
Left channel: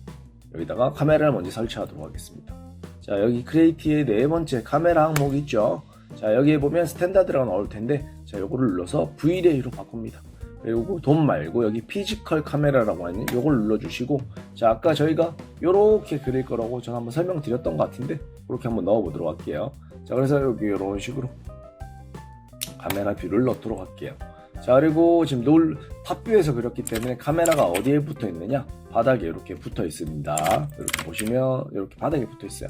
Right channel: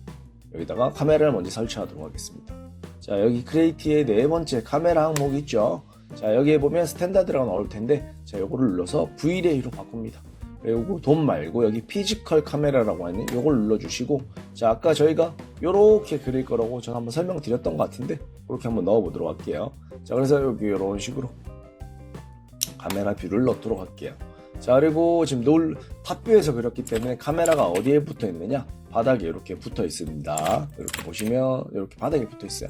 여기다가 카메라를 먼저 설치하도록 하겠습니다. 자, 여기 크리에이티의 네 번째 카메라 항목 있죠. 자, 여기에 보면 스탠다드라고 나올 텐데, 자, 요거를 눌러서 Vray로 바꿉니다. 그리고 돈 말고 여기 피지컬 카메라라고 하는 요걸 눌러주시고, 자, 아까 저희가 요렇게 그릴 거라고 제가 한번 설명드렸던 것 같은데 그렇게 한번 넣어보도록 할게요. 자, 그래서 여기 이런 식으로 카메라 뷰를 넣도록 할게요. 자, 그리고 지금 탑뷰에서 그렸기 때문에 카메라가 어디에 붙어 있느냐? 바닥에 이렇게 붙어 있습니다. 이렇게 보시면 이렇게 바닥에 붙어 있어요.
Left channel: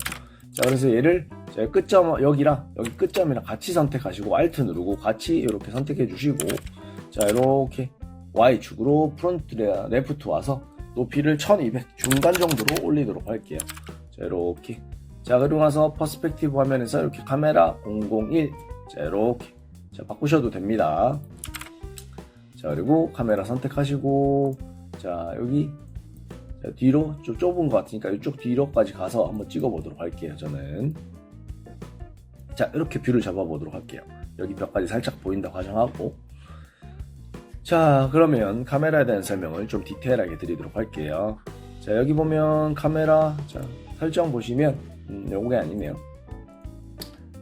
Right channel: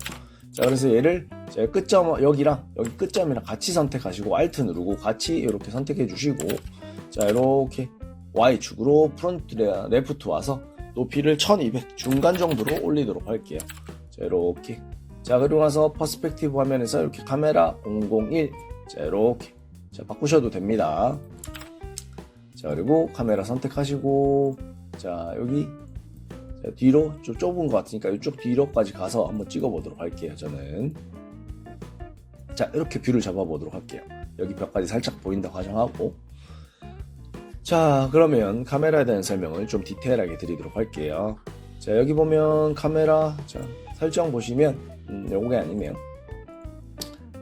자, 그래서 얘를 제가 끝점 여기랑 여기 끝점이랑 같이 선택하시고 Alt 누르고 같이 이렇게 선택해 주시고, 자, 이렇게 Y축으로 프론트 레프트 와서 높이를 1200 중간 정도로 올리도록 할게요. 자, 이렇게. 자, 그리고 나서 퍼스펙티브 화면에서 이렇게 카메라 001. 자, 이렇게. 자, 바꾸셔도 됩니다. 자, 그리고 카메라 선택하시고, 자, 여기. 자, 뒤로 좀 좁은 것 같으니까 이쪽 뒤로까지 가서 한번 찍어보도록 할게요. 저는. 자, 이렇게 뷰를 잡아보도록 할게요. 여기 벽까지 살짝 보인다고 가정하고. 자, 그러면 카메라에 대한 설명을 좀 디테일하게 드리도록 할게요. 자, 여기 보면 카메라, 자, 설정 보시면, 요게 아니면,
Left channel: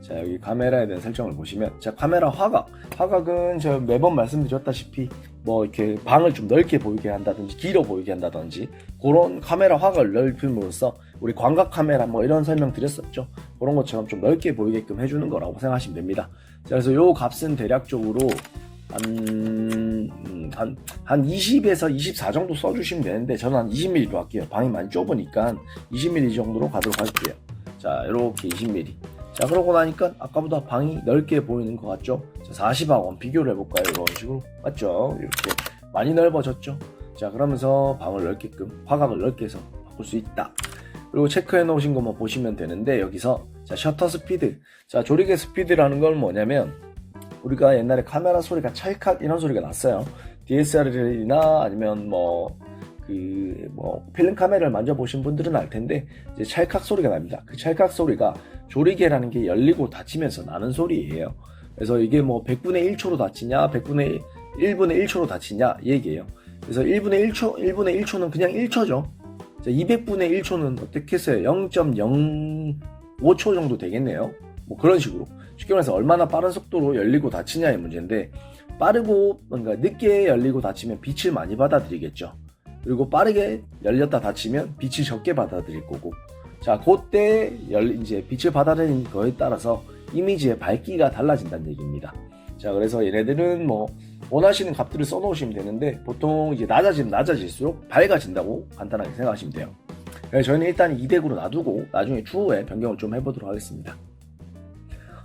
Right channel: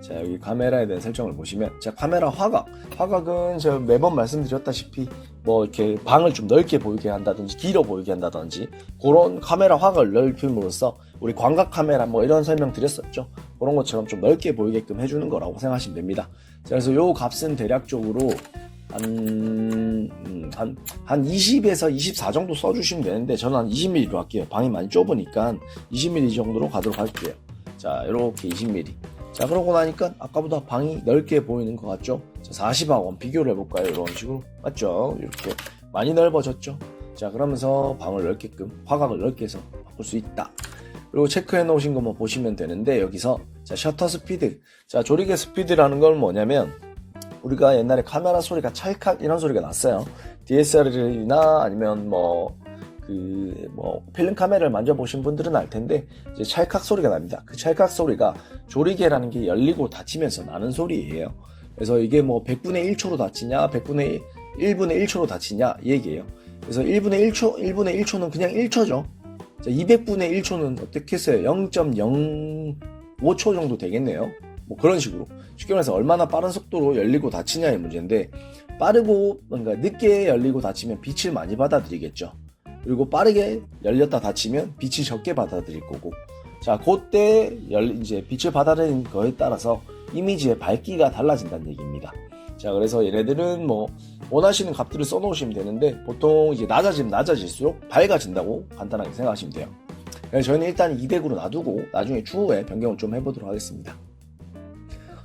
자, 여기 카메라에 대한 설정을 보시면, 자, 카메라 화각은 제가 매번 말씀드렸다시피, 뭐, 이렇게 방을 좀 넓게 보이게 한다든지, 길어 보이게 한다든지, 그런 카메라 화각을 넓힘으로써, 우리 광각 카메라 뭐 이런 설명 드렸었죠. 그런 것처럼 좀 넓게 보이게끔 해주는 거라고 생각하시면 됩니다. 자, 그래서 요 값은 대략적으로, 한 20에서 24 정도 써주시면 되는데, 저는 한 20mm로 할게요. 방이 많이 좁으니까 20mm 정도로 가도록 할게요. 자, 이렇게 20mm. 자, 그러고 나니까 아까보다 방이 넓게 보이는 것 같죠? 자, 40하고 비교를 해볼까요? 이런 식으로. 맞죠? 이렇게 많이 넓어졌죠? 자, 그러면서 방을 넓게끔, 화각을 넓게 해서 바꿀 수 있다. 그리고 체크해 놓으신 것만 보시면 되는데, 여기서, 자, 셔터 스피드. 자, 조리개 스피드라는 건 뭐냐면, 우리가 옛날에 카메라 소리가 찰칵 이런 소리가 났어요. DSLR이나 아니면 필름 카메라를 만져보신 분들은 알 텐데, 이제 찰칵 소리가 납니다. 그 찰칵 소리가 조리개라는 게 열리고 닫히면서 나는 소리예요. 그래서 이게 뭐 100분의 1초로 닫히냐, 100분의 1분의 1초로 닫히냐, 이 얘기예요. 그래서 1분의 1초는 그냥 1초죠. 200분의 1초는 어떻게 했어요? 0.05초 정도 되겠네요. 뭐 그런 식으로. 쉽게 말해서 얼마나 빠른 속도로 열리고 닫히냐의 문제인데, 빠르고 뭔가 늦게 열리고 닫히면 빛을 많이 받아들이겠죠. 그리고 빠르게 열렸다 닫히면 빛을 적게 받아들일 거고. 자, 그때 이제 빛을 받아들이는 거에 따라서 이미지의 밝기가 달라진다는 얘기입니다. 자, 그래서 얘네들은 뭐 원하시는 값들을 써놓으시면 되는데, 보통 이제 낮아지면 낮아질수록 밝아진다고 간단하게 생각하시면 돼요. 그래서 저희는 일단 200으로 놔두고 나중에 추후에 변경을 좀 해보도록 하겠습니다.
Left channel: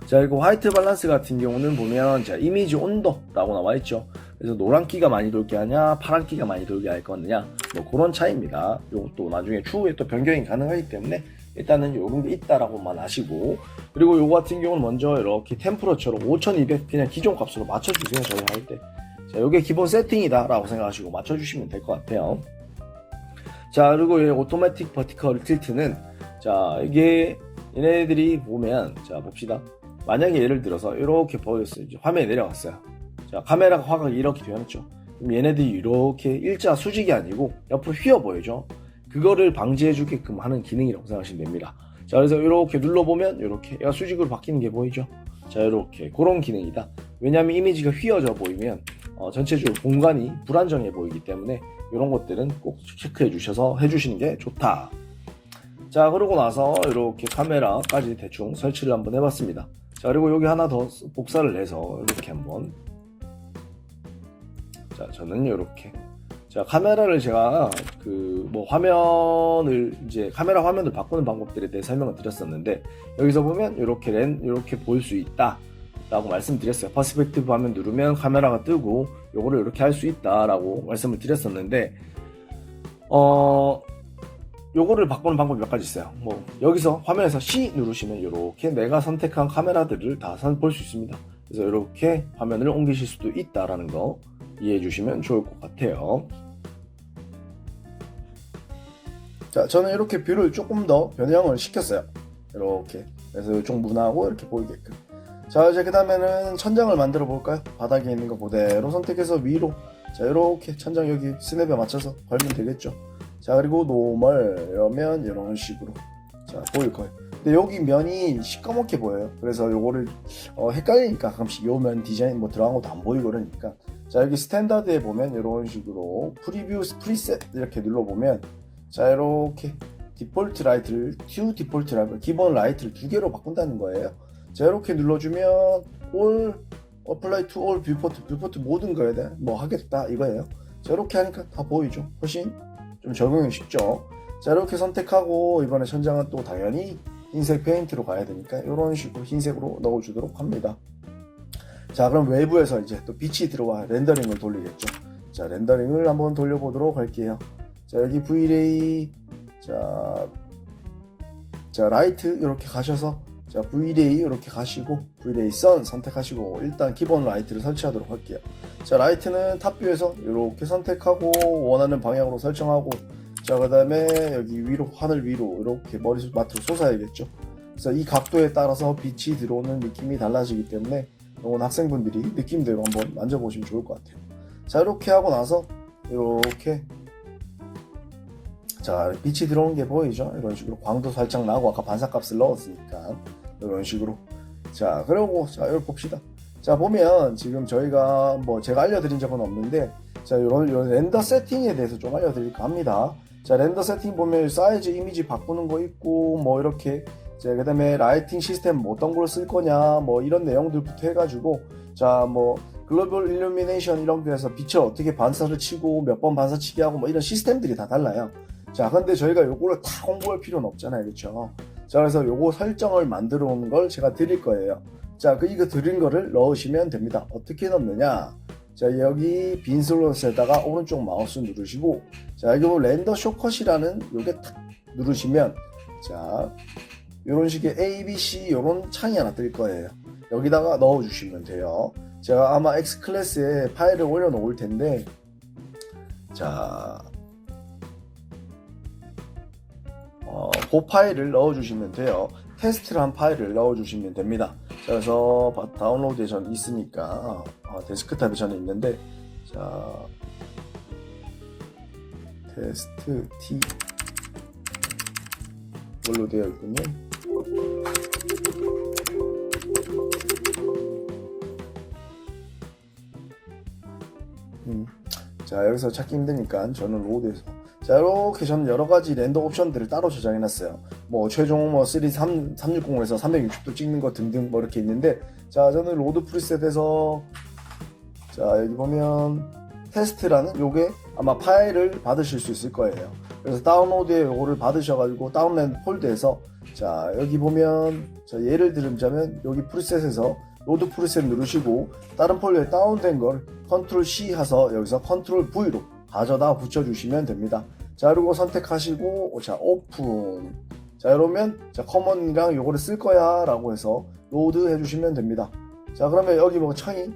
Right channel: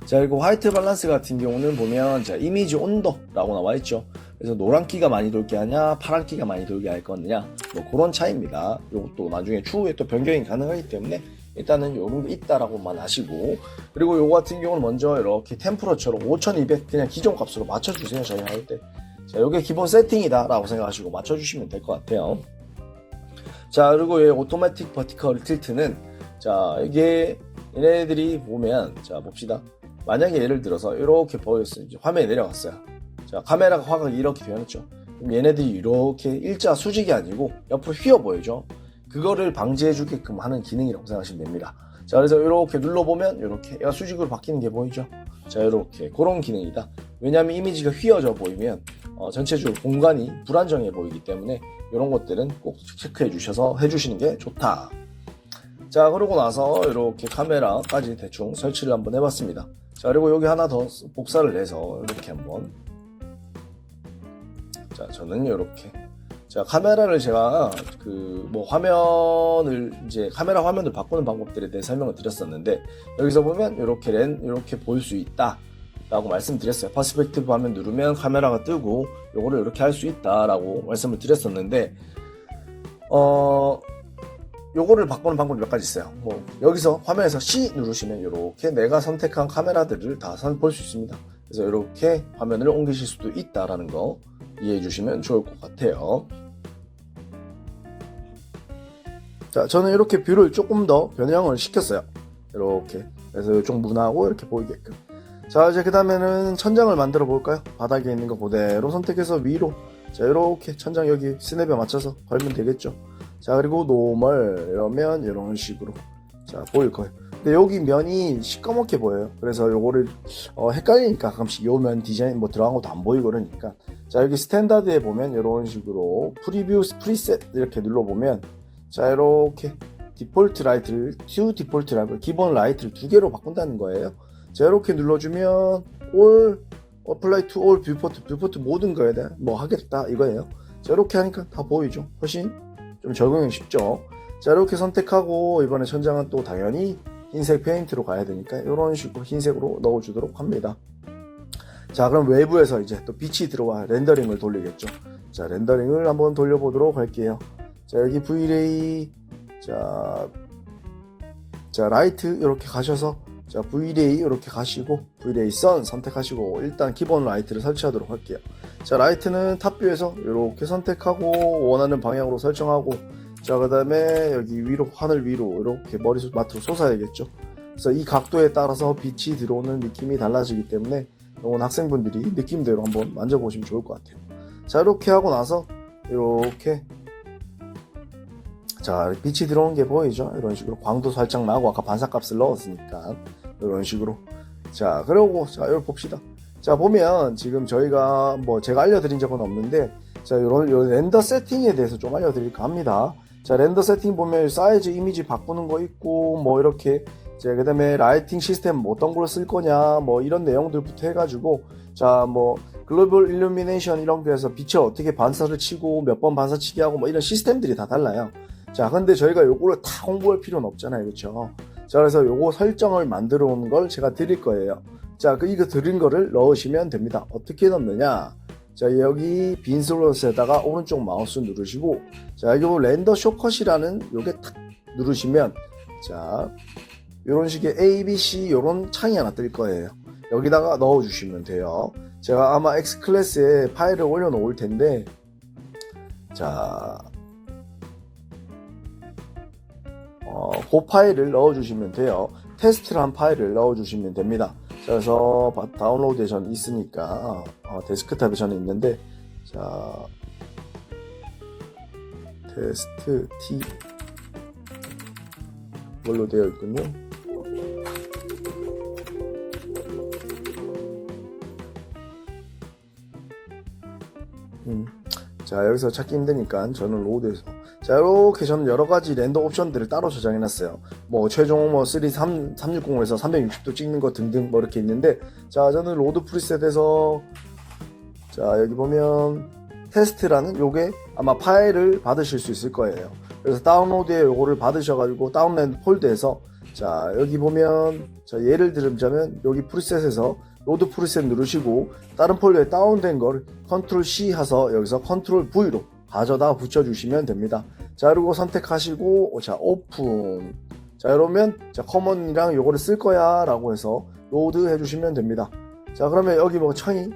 자, 그리고 화이트 밸런스 같은 경우는 보면, 자, 이미지 온도라고 나와 있죠. 그래서 노란기가 많이 돌게 하냐, 파란기가 많이 돌게 할 거냐, 뭐 그런 차이입니다. 요것도 나중에 추후에 또 변경이 가능하기 때문에 일단은 요런 게 있다라고만 아시고, 그리고 요거 같은 경우는 먼저 이렇게 템퍼러처럼 5200 그냥 기존 값으로 맞춰주세요. 저희 할 때. 자, 요게 기본 세팅이다라고 생각하시고 맞춰주시면 될 것 같아요. 자, 그리고 이 오토매틱 버티컬 틸트는, 자, 이게 얘네들이 보면, 자, 봅시다. 만약에 예를 들어서 이렇게 보였어요. 이제 화면에 내려갔어요. 자, 카메라가 화각이 이렇게 되었죠. 그럼 얘네들이 이렇게 일자 수직이 아니고 옆으로 휘어 보이죠. 그거를 방지해 주게끔 하는 기능이라고 생각하시면 됩니다. 자, 그래서 이렇게 눌러보면 이렇게 얘가 수직으로 바뀌는 게 보이죠. 자, 이렇게 그런 기능이다. 왜냐하면 이미지가 휘어져 보이면 전체적으로 공간이 불안정해 보이기 때문에 이런 것들은 꼭 체크해 주셔서 해주시는 게 좋다. 자, 그러고 나서 이렇게 카메라까지 대충 설치를 한번 해봤습니다. 자, 그리고 여기 하나 더 복사를 해서 이렇게 한번. 자, 저는 이렇게. 자, 카메라를 제가 화면을 이제 카메라 화면을 바꾸는 방법들에 대해 설명을 드렸었는데, 여기서 보면 이렇게 볼 수 있다 라고 말씀드렸어요. 퍼스펙티브 화면 누르면 카메라가 뜨고 요거를 이렇게 할 수 있다 라고 말씀을 드렸었는데, 요거를 바꾸는 방법이 몇 가지 있어요. 뭐 여기서 화면에서 C 누르시면 이렇게 내가 선택한 카메라들을 다 볼 수 있습니다. 그래서 이렇게 화면을 옮기실 수도 있다라는 거 이해해 주시면 좋을 것 같아요. 자, 저는 이렇게 뷰를 조금 더 변형을 시켰어요. 이렇게. 그래서 이쪽 문하고 이렇게 보이게끔. 자, 이제 그 다음에는 천장을 만들어 볼까요? 바닥에 있는 거 그대로 선택해서 위로. 자, 이렇게 천장 여기 스냅에 맞춰서 걸면 되겠죠. 자, 그리고 노멀 이러면 이런 식으로 자 보일 거예요. 근데 여기 면이 시꺼멓게 보여요. 그래서 요거를 헷갈리니까 가끔씩 요 면 디자인 뭐 들어간 것도 안 보이고 그러니까, 자, 여기 스탠다드에 보면 이런 식으로 프리뷰 프리셋 이렇게 눌러보면, 자, 이렇게 디폴트 라이트를 디폴트 라이트 기본 라이트를 2개로 바꾼다는 거예요. 자, 이렇게 눌러주면 올 어플라이 투 올 뷰포트 모든 거에 대한 뭐 하겠다 이거예요. 자, 이렇게 하니까 다 보이죠. 훨씬 좀 적용이 쉽죠. 자, 이렇게 선택하고 이번에 천장은 또 당연히 흰색 페인트로 가야 되니까 이런 식으로 흰색으로 넣어주도록 합니다. 자, 그럼 외부에서 이제 또 빛이 들어와 렌더링을 돌리겠죠. 자, 자, 렌더링을 한번 돌려보도록 할게요. 자, 여기 V-Ray, 자, 라이트 이렇게 가셔서, 자, V-Ray 이렇게 가시고, V-Ray Sun 선택하시고, 일단 기본 라이트를 설치하도록 할게요. 자, 라이트는 탑뷰에서 이렇게 선택하고, 원하는 방향으로 설정하고, 자, 그 다음에 여기 위로, 하늘 위로 이렇게 머리맡으로 솟아야겠죠. 그래서 이 각도에 따라서 빛이 들어오는 느낌이 달라지기 때문에, 오늘 학생분들이 느낌대로 한번 만져보시면 좋을 것 같아요. 자, 이렇게 하고 나서, 이렇게, 자, 빛이 들어오는 게 보이죠? 이런 식으로 광도 살짝 나고 아까 반사값을 넣었으니까 이런 식으로. 자, 그리고 자, 이걸 봅시다. 자, 보면 지금 저희가 뭐 제가 알려드린 적은 없는데, 자, 이런 렌더 세팅에 대해서 좀 알려드릴까 합니다. 자, 렌더 세팅 보면 사이즈 이미지 바꾸는 거 있고, 뭐 이렇게, 자, 그 다음에 라이팅 시스템 뭐 어떤 걸 쓸 거냐, 뭐 이런 내용들부터 해가지고, 자, 뭐 글로벌 일루미네이션 이런 데서 빛을 어떻게 반사를 치고 몇 번 반사치게 하고 뭐 이런 시스템들이 다 달라요. 자, 근데 저희가 요거를 다 홍보할 필요는 없잖아요. 그렇죠? 자, 그래서 요거 설정을 만들어 온 걸 제가 드릴 거예요. 자, 이거 드린 거를 넣으시면 됩니다. 어떻게 넣느냐? 자, 여기 빈 슬롯에다가 오른쪽 마우스 누르시고, 자, 여기 렌더 쇼컷이라는 요게 탁 누르시면, 자, 요런 식의 A, B, C 요런 창이 하나 뜰 거예요. 여기다가 넣어주시면 돼요. 제가 아마 X 클래스에 파일을 올려놓을 텐데, 자, 그 파일을 넣어주시면 돼요. 테스트란 파일을 넣어주시면 됩니다. 그래서 다운로드에 전 있으니까 데스크탑에 저는 있는데, 자, 테스트 T 이걸로 되어 있군요. 자, 여기서 찾기 힘드니까 저는 로드에서, 자, 이렇게 저는 여러가지 렌더 옵션들을 따로 저장해놨어요. 뭐 최종 뭐 360에서 360도 찍는 거 등등 뭐 이렇게 있는데, 자, 저는 로드 프리셋에서, 자, 여기 보면 테스트라는 요게 아마 파일을 받으실 수 있을 거예요. 그래서 다운로드에 요거를 받으셔가지고 다운로드 폴더에서, 자, 여기 보면, 자, 예를 들자면 여기 프리셋에서 로드 프리셋 누르시고 다른 폴더에 다운된 걸 컨트롤 C 해서 여기서 컨트롤 V로 가져다 붙여주시면 됩니다. 자, 그리고 선택하시고, 자, 오픈. 자, 이러면, 자, 커먼이랑 요거를 쓸 거야 라고 해서 로드 해주시면 됩니다. 자, 그러면 여기 뭐 창이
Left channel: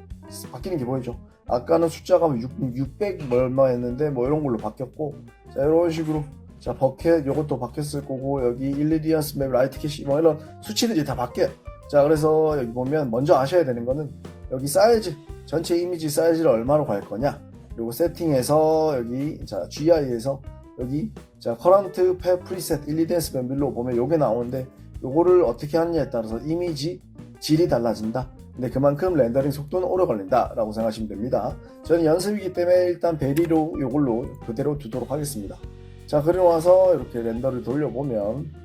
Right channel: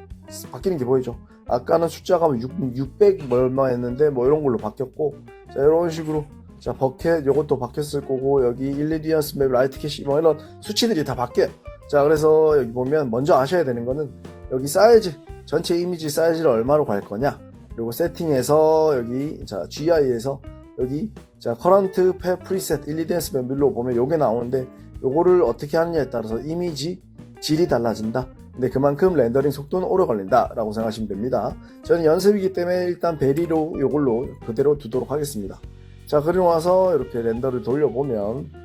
바뀌는 게 보이죠? 아까는 숫자가 600 얼마 했는데 뭐 이런 걸로 바뀌었고, 자, 이런 식으로, 자, 버켓 요것도 바뀌었을 거고, 여기 일리디언스 맵 라이트 캐시 뭐 이런 수치들이 다 바뀌어요. 자, 그래서 여기 보면 먼저 아셔야 되는 거는 여기 사이즈, 전체 이미지 사이즈를 얼마로 갈 거냐, 그리고 세팅에서 여기, 자, GI에서 여기, 자, 커런트 프리셋 일리디언스 맵밀로 보면 요게 나오는데, 요거를 어떻게 하느냐에 따라서 이미지 질이 달라진다. 근데 그만큼 렌더링 속도는 오래 걸린다 라고 생각하시면 됩니다. 저는 연습이기 때문에 일단 베리로 요걸로 그대로 두도록 하겠습니다. 자, 그리고 나서 이렇게 렌더를 돌려보면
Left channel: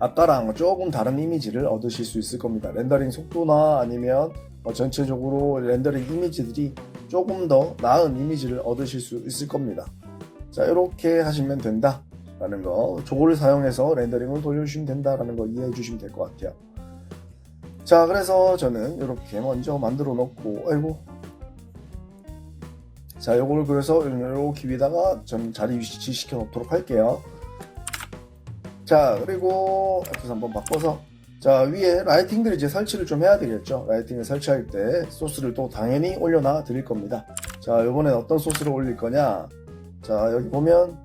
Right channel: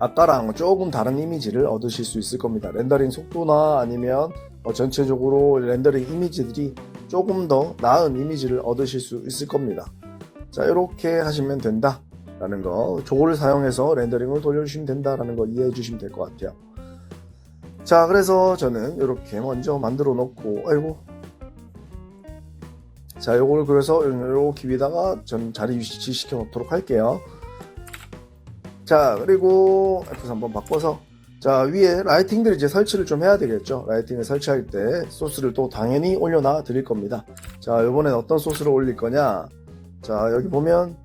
아까랑 조금 다른 이미지를 얻으실 수 있을 겁니다. 렌더링 속도나 아니면 전체적으로 렌더링 이미지들이 조금 더 나은 이미지를 얻으실 수 있을 겁니다. 자, 이렇게 하시면 된다 라는 거, 저거를 사용해서 렌더링을 돌려주시면 된다 라는 거 이해해 주시면 될 것 같아요. 자, 그래서 저는 이렇게 먼저 만들어 놓고, 아이고, 자, 요걸 그래서 이렇게 위에다가 전 자리 위치시켜 놓도록 할게요. 자, 그리고 F3 한번 바꿔서, 자, 위에 라이팅들 이제 설치를 좀 해야 되겠죠. 라이팅을 설치할 때 소스를 또 당연히 올려놔 드릴 겁니다. 자, 이번엔 어떤 소스를 올릴 거냐. 자, 여기 보면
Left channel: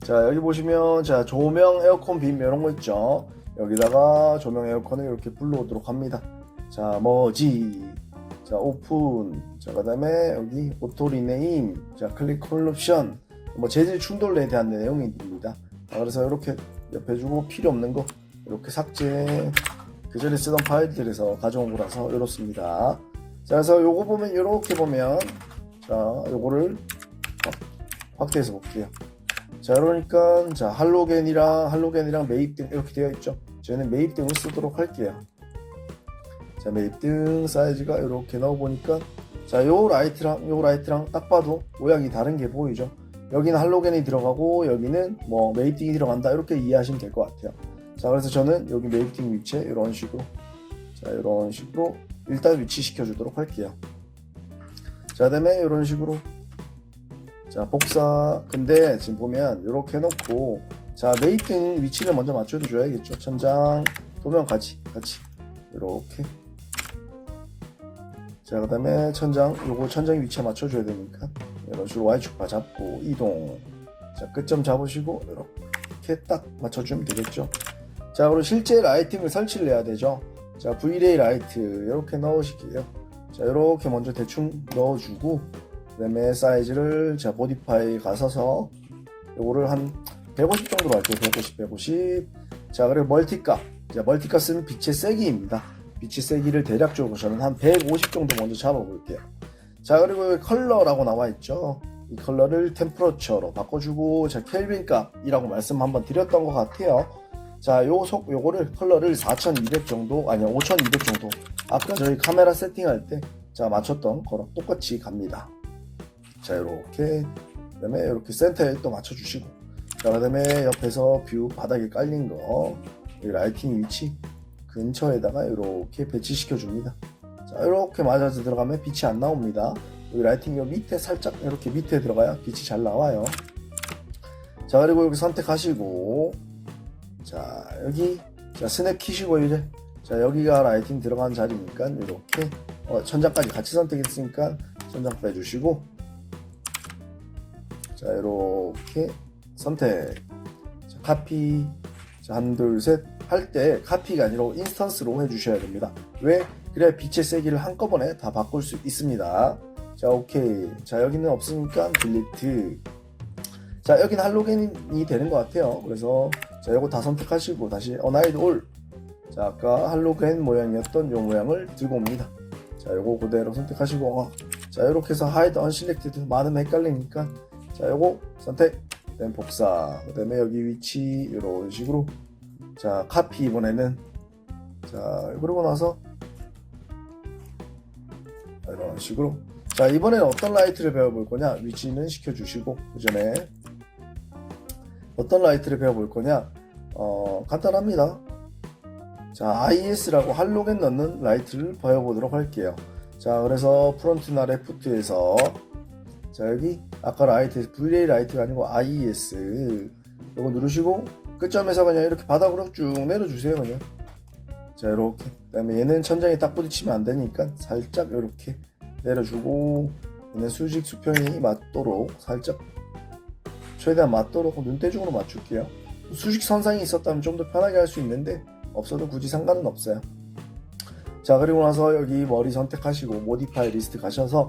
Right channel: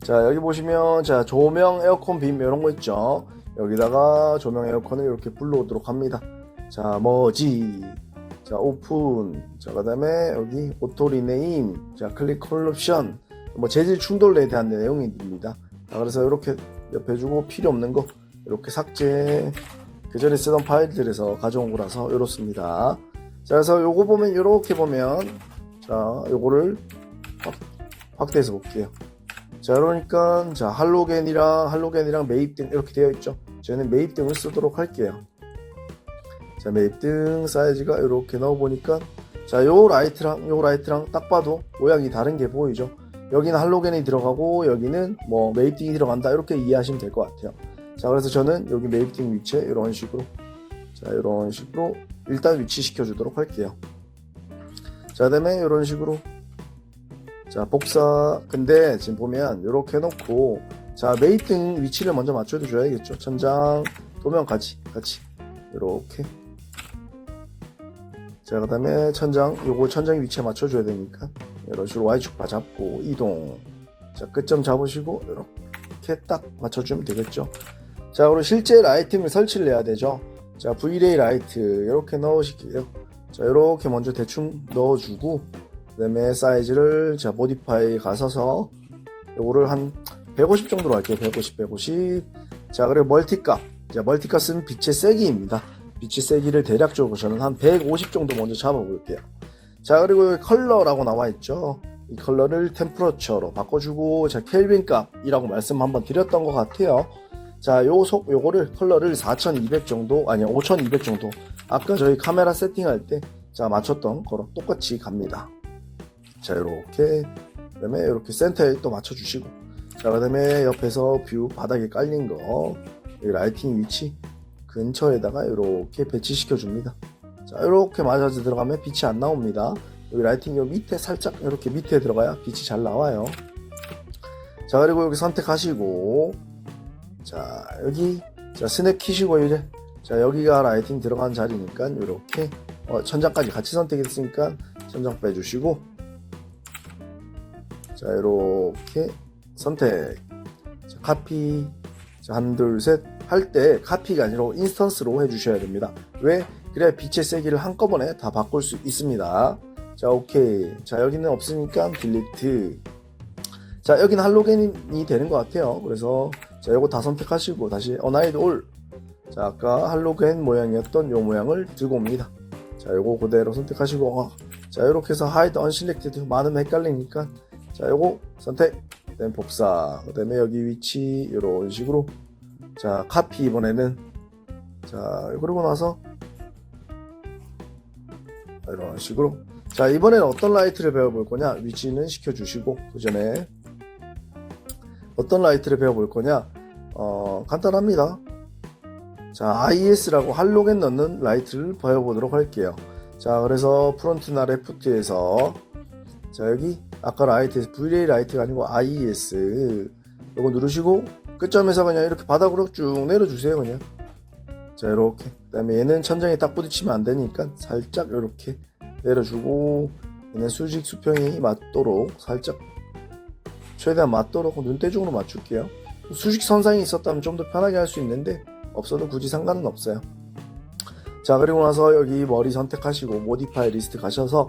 자, 여기 보시면, 자, 조명, 에어컨, 빔 이런 거 있죠. 여기다가 조명, 에어컨을 이렇게 불러오도록 합니다. 자, 머지, 자, 오픈, 자, 그 다음에 여기 오토 리네임, 자, 클릭 컬렉션, 뭐 재질 충돌에 대한 내용입니다. 자, 그래서 이렇게 옆에 주고 필요 없는 거 이렇게 삭제, 그 전에 쓰던 파일들에서 가져온 거라서 이렇습니다. 자, 그래서 요거 보면, 이렇게 보면, 자, 요거를 확대해서 볼게요. 자, 그러니까, 자, 할로겐이랑 매입등 이렇게 되어 있죠. 저는 매입등을 쓰도록 할게요. 자, 매입등 사이즈가 이렇게 넣어보니까, 자, 요 라이트랑 딱 봐도 모양이 다른 게 보이죠. 여기는 할로겐이 들어가고, 여기는 뭐 매입등이 들어간다. 이렇게 이해하시면 될 것 같아요. 자, 그래서 저는 여기 메이팅 위치에 이런 식으로, 자, 이런 식으로 일단 위치시켜 주도록 할게요. 자, 그다음에 이런 식으로, 자, 복사. 근데 지금 보면 이렇게 해놓고, 자, 메이팅 위치를 먼저 맞춰줘야겠죠. 천장 도면까지 같이 이렇게. 자, 그 다음에 천장, 요거 천장 위치에 맞춰줘야 되니까 이런 식으로 Y축 바 잡고 이동. 자, 끝점 잡으시고 이렇게 딱 맞춰주면 되겠죠. 자, 그리고 실제 라이팅을 설치를 해야 되죠. 자, V-Ray 라이트 이렇게 넣으실게요. 자, 이렇게 먼저 대충 넣어주고, 그 다음에 사이즈를, 자, 모디파이 가서서 요거를 한 150 정도로 할게요. 150. 자, 그리고 멀티값. 자, 멀티값은 빛의 세기입니다. 빛의 세기를 대략적으로 저는 한 150 정도 먼저 잡아볼게요. 자, 그리고 컬러라고 나와있죠. 이 컬러를 템퍼러처로 바꿔주고, 자, 켈빈 값이라고 말씀 한번 드렸던 것 같아요. 자, 요거를 컬러를 4200 정도, 아니요, 5200 정도. 아까 저희 카메라 세팅할 때, 자, 맞췄던 거랑 똑같이 갑니다. 자, 요렇게. 그 다음에 이렇게 센터에 또 맞춰주시고. 자, 그 다음에 옆에서 뷰 바닥에 깔린 거, 이 라이팅 위치 근처에다가 이렇게 배치시켜 줍니다. 자, 이렇게 맞아서 들어가면 빛이 안 나옵니다. 여기 라이팅 요 밑에 살짝 이렇게 밑에 들어가야 빛이 잘 나와요. 자, 그리고 여기 선택하시고, 자, 여기, 자, 스냅 키시고 이제, 자, 여기가 라이팅 들어간 자리니까 이렇게 천장까지 같이 선택했으니까 천장 빼주시고, 자, 이렇게 선택. 자, 카피. 자, 한, 둘, 셋 할 때 카피가 아니라 인스턴스로 해주셔야 됩니다. 왜? 그래야 빛의 세기를 한꺼번에 다 바꿀 수 있습니다. 자, 오케이. 자, 여기는 없으니까 딜리트. 자, 여기는 할로겐이 되는 것 같아요. 그래서 자, 요거 다 선택하시고 다시 어나이드 올. 자, 아까 할로겐 모양이었던 요 모양을 들고 옵니다. 자, 요거 그대로 선택하시고, 자, 요렇게 해서 하이드 언실렉티드 많으면 헷갈리니까, 자, 요거 선택. 그다음에 복사. 그다음에 여기 위치 이런 식으로. 자, 카피 이번에는. 자, 그러고 나서 이런 식으로. 자, 이번에는 어떤 라이트를 배워볼 거냐? 위치는 시켜주시고, 그 전에 어떤 라이트를 배워볼 거냐? 간단합니다. 자, IS라고 할로겐 넣는 라이트를 배워보도록 할게요. 자, 그래서 프론트나 레프트에서, 자, 여기 아까 라이트에서 V-Ray 라이트가 아니고 IS 이거 누르시고 끝점에서 그냥 이렇게 바닥으로 쭉 내려주세요. 그냥. 자, 이렇게. 그 다음에 얘는 천장에 딱 부딪히면 안 되니까 살짝 이렇게 내려주고, 얘는 수직 수평이 맞도록 살짝, 최대한 맞도록 눈대중으로 맞출게요. 수직 선상이 있었다면 좀 더 편하게 할 수 있는데 없어도 굳이 상관은 없어요. 자, 그리고 나서 여기 머리 선택하시고 모디파이 리스트 가셔서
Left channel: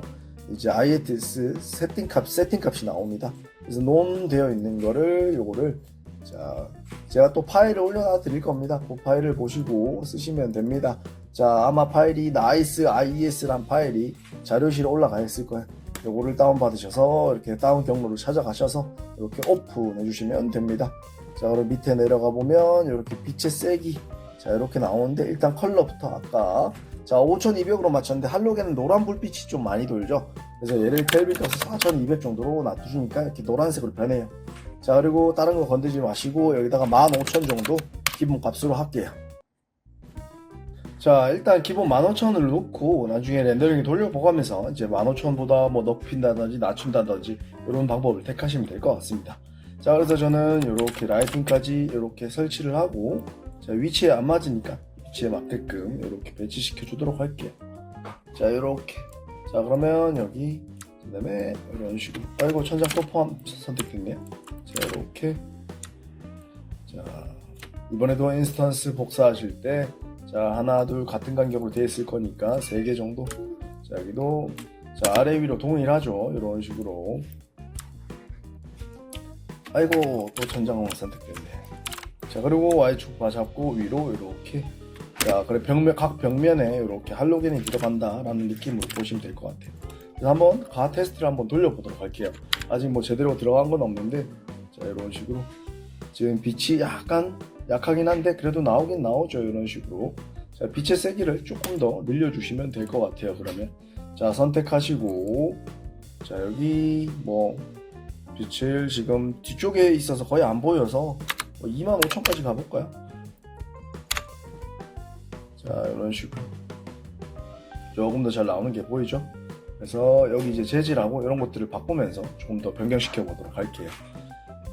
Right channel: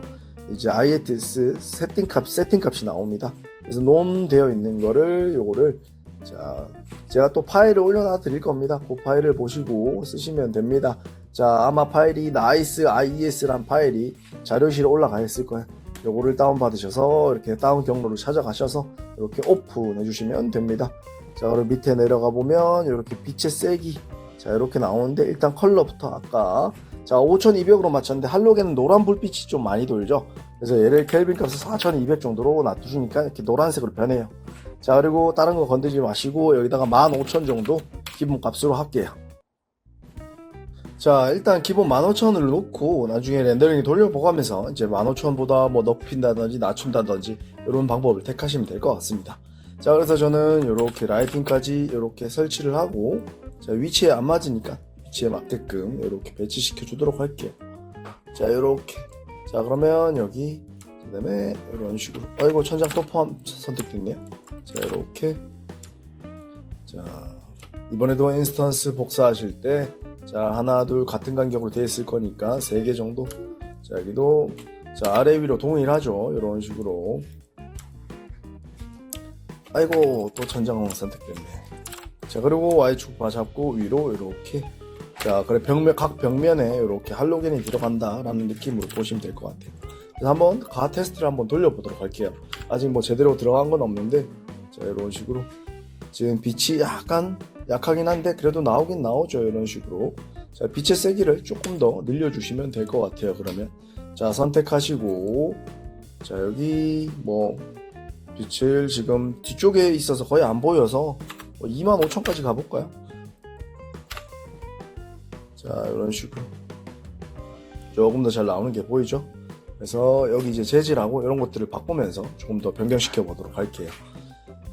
이제 IS 세팅값이 나옵니다. 그래서 논 되어 있는 거를 요거를, 자, 제가 또 파일을 올려놔 드릴 겁니다. 그 파일을 보시고 쓰시면 됩니다. 자, 아마 파일이 nice IS란 파일이 자료실에 올라가 있을 거예요. 요거를 다운받으셔서 이렇게 다운 경로를 찾아가셔서 이렇게 오픈해 주시면 됩니다. 자, 그리고 밑에 내려가 보면 이렇게 빛의 세기, 자, 이렇게 나오는데 일단 컬러부터 아까, 자, 5200으로 맞췄는데 할로겐은 노란 불빛이 좀 많이 돌죠. 그래서 얘를 켈빈 값을 4200 정도로 놔두시니까 이렇게 노란색으로 변해요. 자, 그리고 다른 거 건드리지 마시고 여기다가 15000 정도 기본 값으로 할게요. 자, 일단 기본 15000을 놓고 나중에 렌더링 돌려보가면서 이제 15000보다 뭐 높인다든지 낮춘다든지 이런 방법을 택하시면 될 것 같습니다. 자, 그래서 저는 이렇게 라이팅까지 이렇게 설치를 하고, 자, 위치에 안 맞으니까 위치에 맞게끔 이렇게 배치시켜 주도록 할게요. 자, 이렇게. 자, 그러면 여기, 그 다음에 이런 식으로. 아이고, 천장 또 포함 선택됐네요. 자, 이렇게. 자, 이번에도 인스턴스 복사하실 때, 자, 하나, 둘 같은 간격으로 되어 있을 거니까 3개 정도. 자, 여기도, 자, 아래 위로 동일하죠. 이런 식으로. 아이고, 또 천장 선택됐네. 자, 그리고 Y축 바 잡고 위로 이렇게. 자, 그래, 각 벽면에 이렇게 할로겐이 들어간다라는 느낌으로 보시면 될 것 같아요. 그래서 한번 가 테스트를 한번 돌려보도록 할게요. 아직 뭐 제대로 들어간 건 없는데, 자, 이런 식으로. 지금 빛이 약간 약하긴 한데 그래도 나오긴 나오죠. 이런 식으로. 자, 빛의 세기를 조금 더 늘려주시면 될 것 같아요. 그러면. 자, 선택하시고, 자, 여기 뭐 빛을 지금 뒤쪽에 있어서 거의 안 보여서 25000까지 가볼까요? 자, 이런 식으로 조금 더 잘 나오는 게 보이죠? 그래서 여기 이제 재질하고 이런 것들을 바꾸면서 조금 더 변경시켜 보도록 할게요.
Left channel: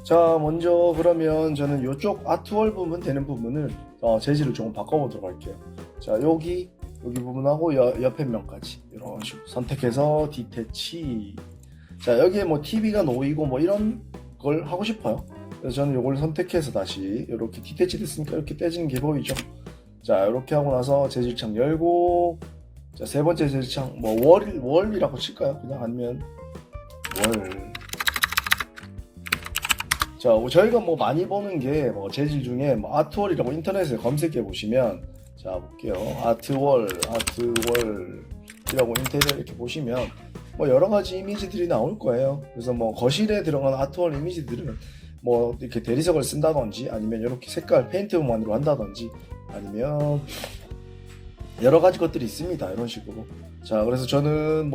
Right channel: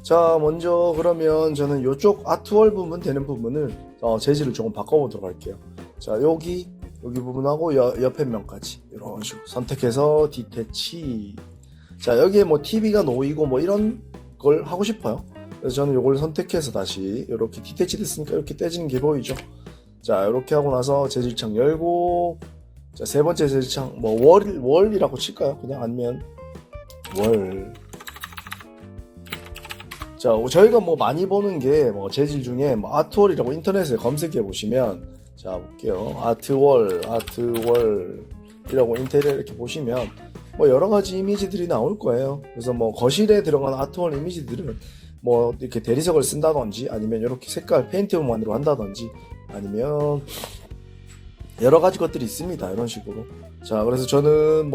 자, 먼저 그러면 저는 이쪽 아트월 부분 되는 부분을 재질을 조금 바꿔보도록 할게요. 자, 여기 부분하고 옆에 면까지 이런 식으로 선택해서 디태치. 자, 여기에 뭐 TV가 놓이고 뭐 이런 걸 하고 싶어요. 그래서 저는 이걸 선택해서 다시 이렇게 디태치 됐으니까 이렇게 떼지는 게 보이죠. 자, 이렇게 하고 나서 재질창 열고, 자, 세 번째 재질창 뭐 월이라고 칠까요? 그냥 아니면 월. 자, 저희가 뭐 많이 보는 게 뭐 재질 중에 뭐 아트월이라고 인터넷에 검색해 보시면, 자, 볼게요. 아트월이라고 인테리어 이렇게 보시면 뭐 여러 가지 이미지들이 나올 거예요. 그래서 뭐 거실에 들어간 아트월 이미지들은 뭐 이렇게 대리석을 쓴다든지 아니면 이렇게 색깔 페인트만으로 한다든지 아니면 여러 가지 것들이 있습니다. 이런 식으로. 자, 그래서 저는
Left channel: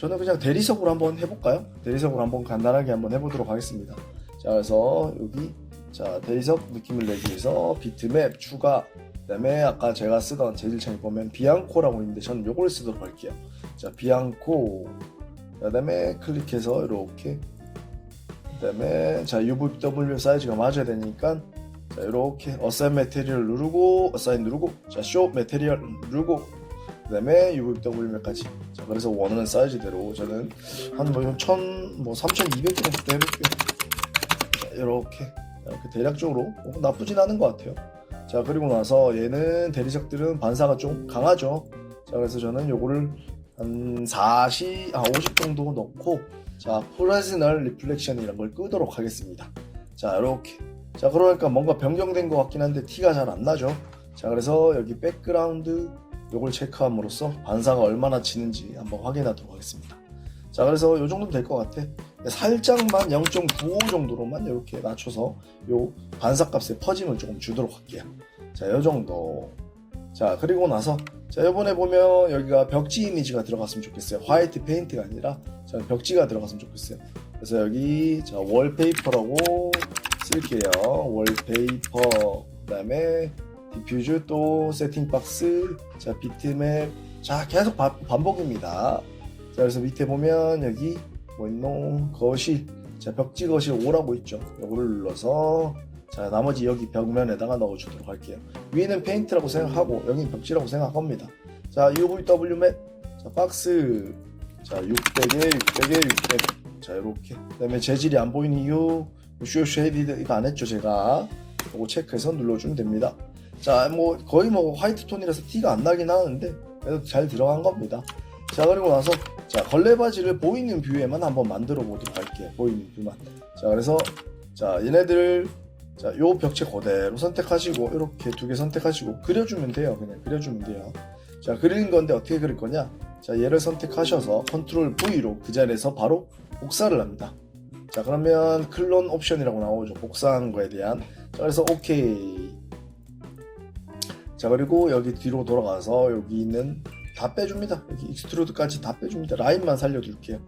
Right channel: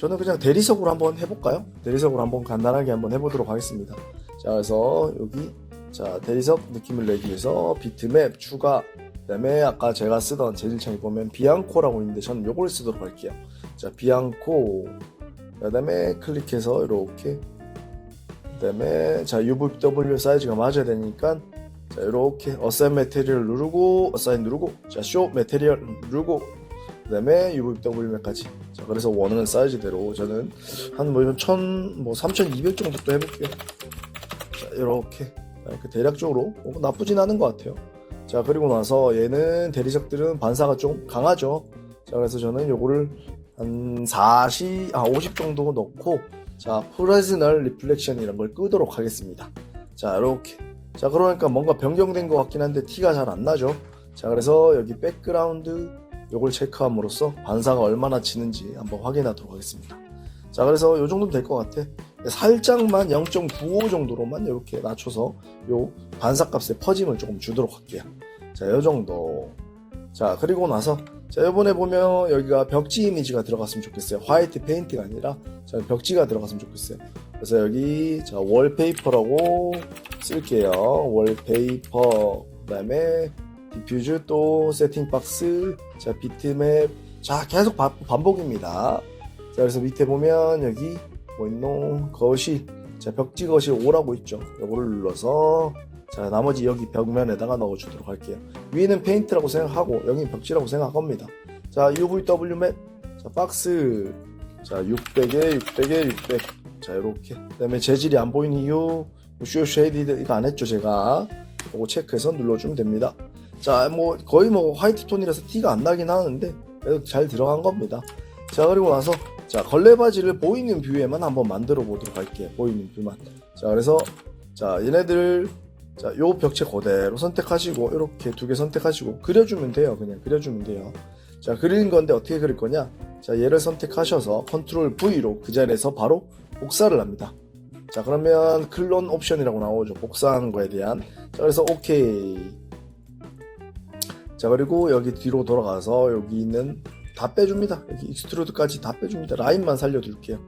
그냥 대리석으로 한번 해볼까요? 대리석으로 한번 간단하게 한번 해보도록 하겠습니다. 자, 그래서 여기 자, 대리석 느낌을 내기 위해서 비트맵 추가, 그 다음에 아까 제가 쓰던 재질창에 보면 비앙코라고 있는데 저는 요걸 쓰도록 할게요. 자, 비앙코, 그 다음에 클릭해서 이렇게, 그 다음에 자, UVW 사이즈가 맞아야 되니까 자, 이렇게 어사인 매테리얼 누르고, 어사인 누르고, 자, 쇼 매테리얼 누르고, 그 다음에 UVW까지. 자, 그래서 원하는 사이즈대로 저는 한 뭐 3200 정도 해볼게요. 자, 이렇게 대략적으로 나쁘진 않은 것 같아요. 자, 그리고 나서 얘는 대리석들은 반사가 좀 강하죠. 자, 그래서 저는 요거를 한 50 정도 넣고, 자, 프레즈널 리플렉션 이런 걸 끄도록 하겠습니다. 자, 이렇게. 자, 그러니까 뭔가 변경된 것 같긴 한데 티가 잘 안 나죠. 자, 그래서 여기 백그라운드 요걸 체크함으로써 반사가 얼마나 치는지 한번 확인하도록 하겠습니다. 자, 그래서 요 정도면 될 것 같아. 살짝만 0.95 정도로만 이렇게 낮춰서 요 반사값의 퍼짐을 조금 주도록 할게요. 자, 요 정도. 자, 그리고 나서 자, 이번에 보면 여기가 벽지 이미지가 들어갔으면 좋겠어요. 화이트 페인트가 아니라 자, 벽지가 들어갔으면 좋겠어요. 그래서 여기 자, 월페이퍼라고 쓸게요. 월페이퍼, 그 다음에 디퓨즈, 또 세팅박스, 자, 비트맵. 자, 계속 반복입니다. 자, 그래서 밑에 보면 여기 거실, 자, 벽지 거실 5라고 있죠. 이거를 눌러서 자, 나머지 여기 벽면에다가 넣어주도록 할게요. 위에는 페인트라고 생각하고 여기는 벽지라고 생각합니다. 자, UVW 맵, 자, 박스, 자, 600에 600에 600. 자, 이렇게. 그 다음에 재질이 안 보이는 이유, 쇼 쉐이디드 이거 안 했죠, 제가. 이거 체크해서 눌러주면 됩니다. 자, 거의 화이트 톤이라서 티가 안 나긴 하는데 그래도 잘 들어간 겁니다. 자, 그리고 나서 자, 걸레바지를 보이는 뷰에만 한번 만들어 보도록 할게요. 보이는 뷰만. 자, 그래서 자, 얘네들 자, 요 벽체 그대로 선택하시고 이렇게 두 개 선택하시고 그려주면 돼요. 그냥 그려주면 돼요. 자, 그리는 건데 어떻게 그릴 거냐? 자, 얘를 선택하셔서 컨트롤 V로 그 자리에서 바로 복사를 합니다. 자, 그러면 클론 옵션이라고 나오죠. 복사한 거에 대한. 자, 그래서 오케이. 자, 그리고 여기 뒤로 돌아가서 여기 있는 다 빼줍니다. 여기 익스트루드까지 다 빼줍니다. 라인만 살려둘게요.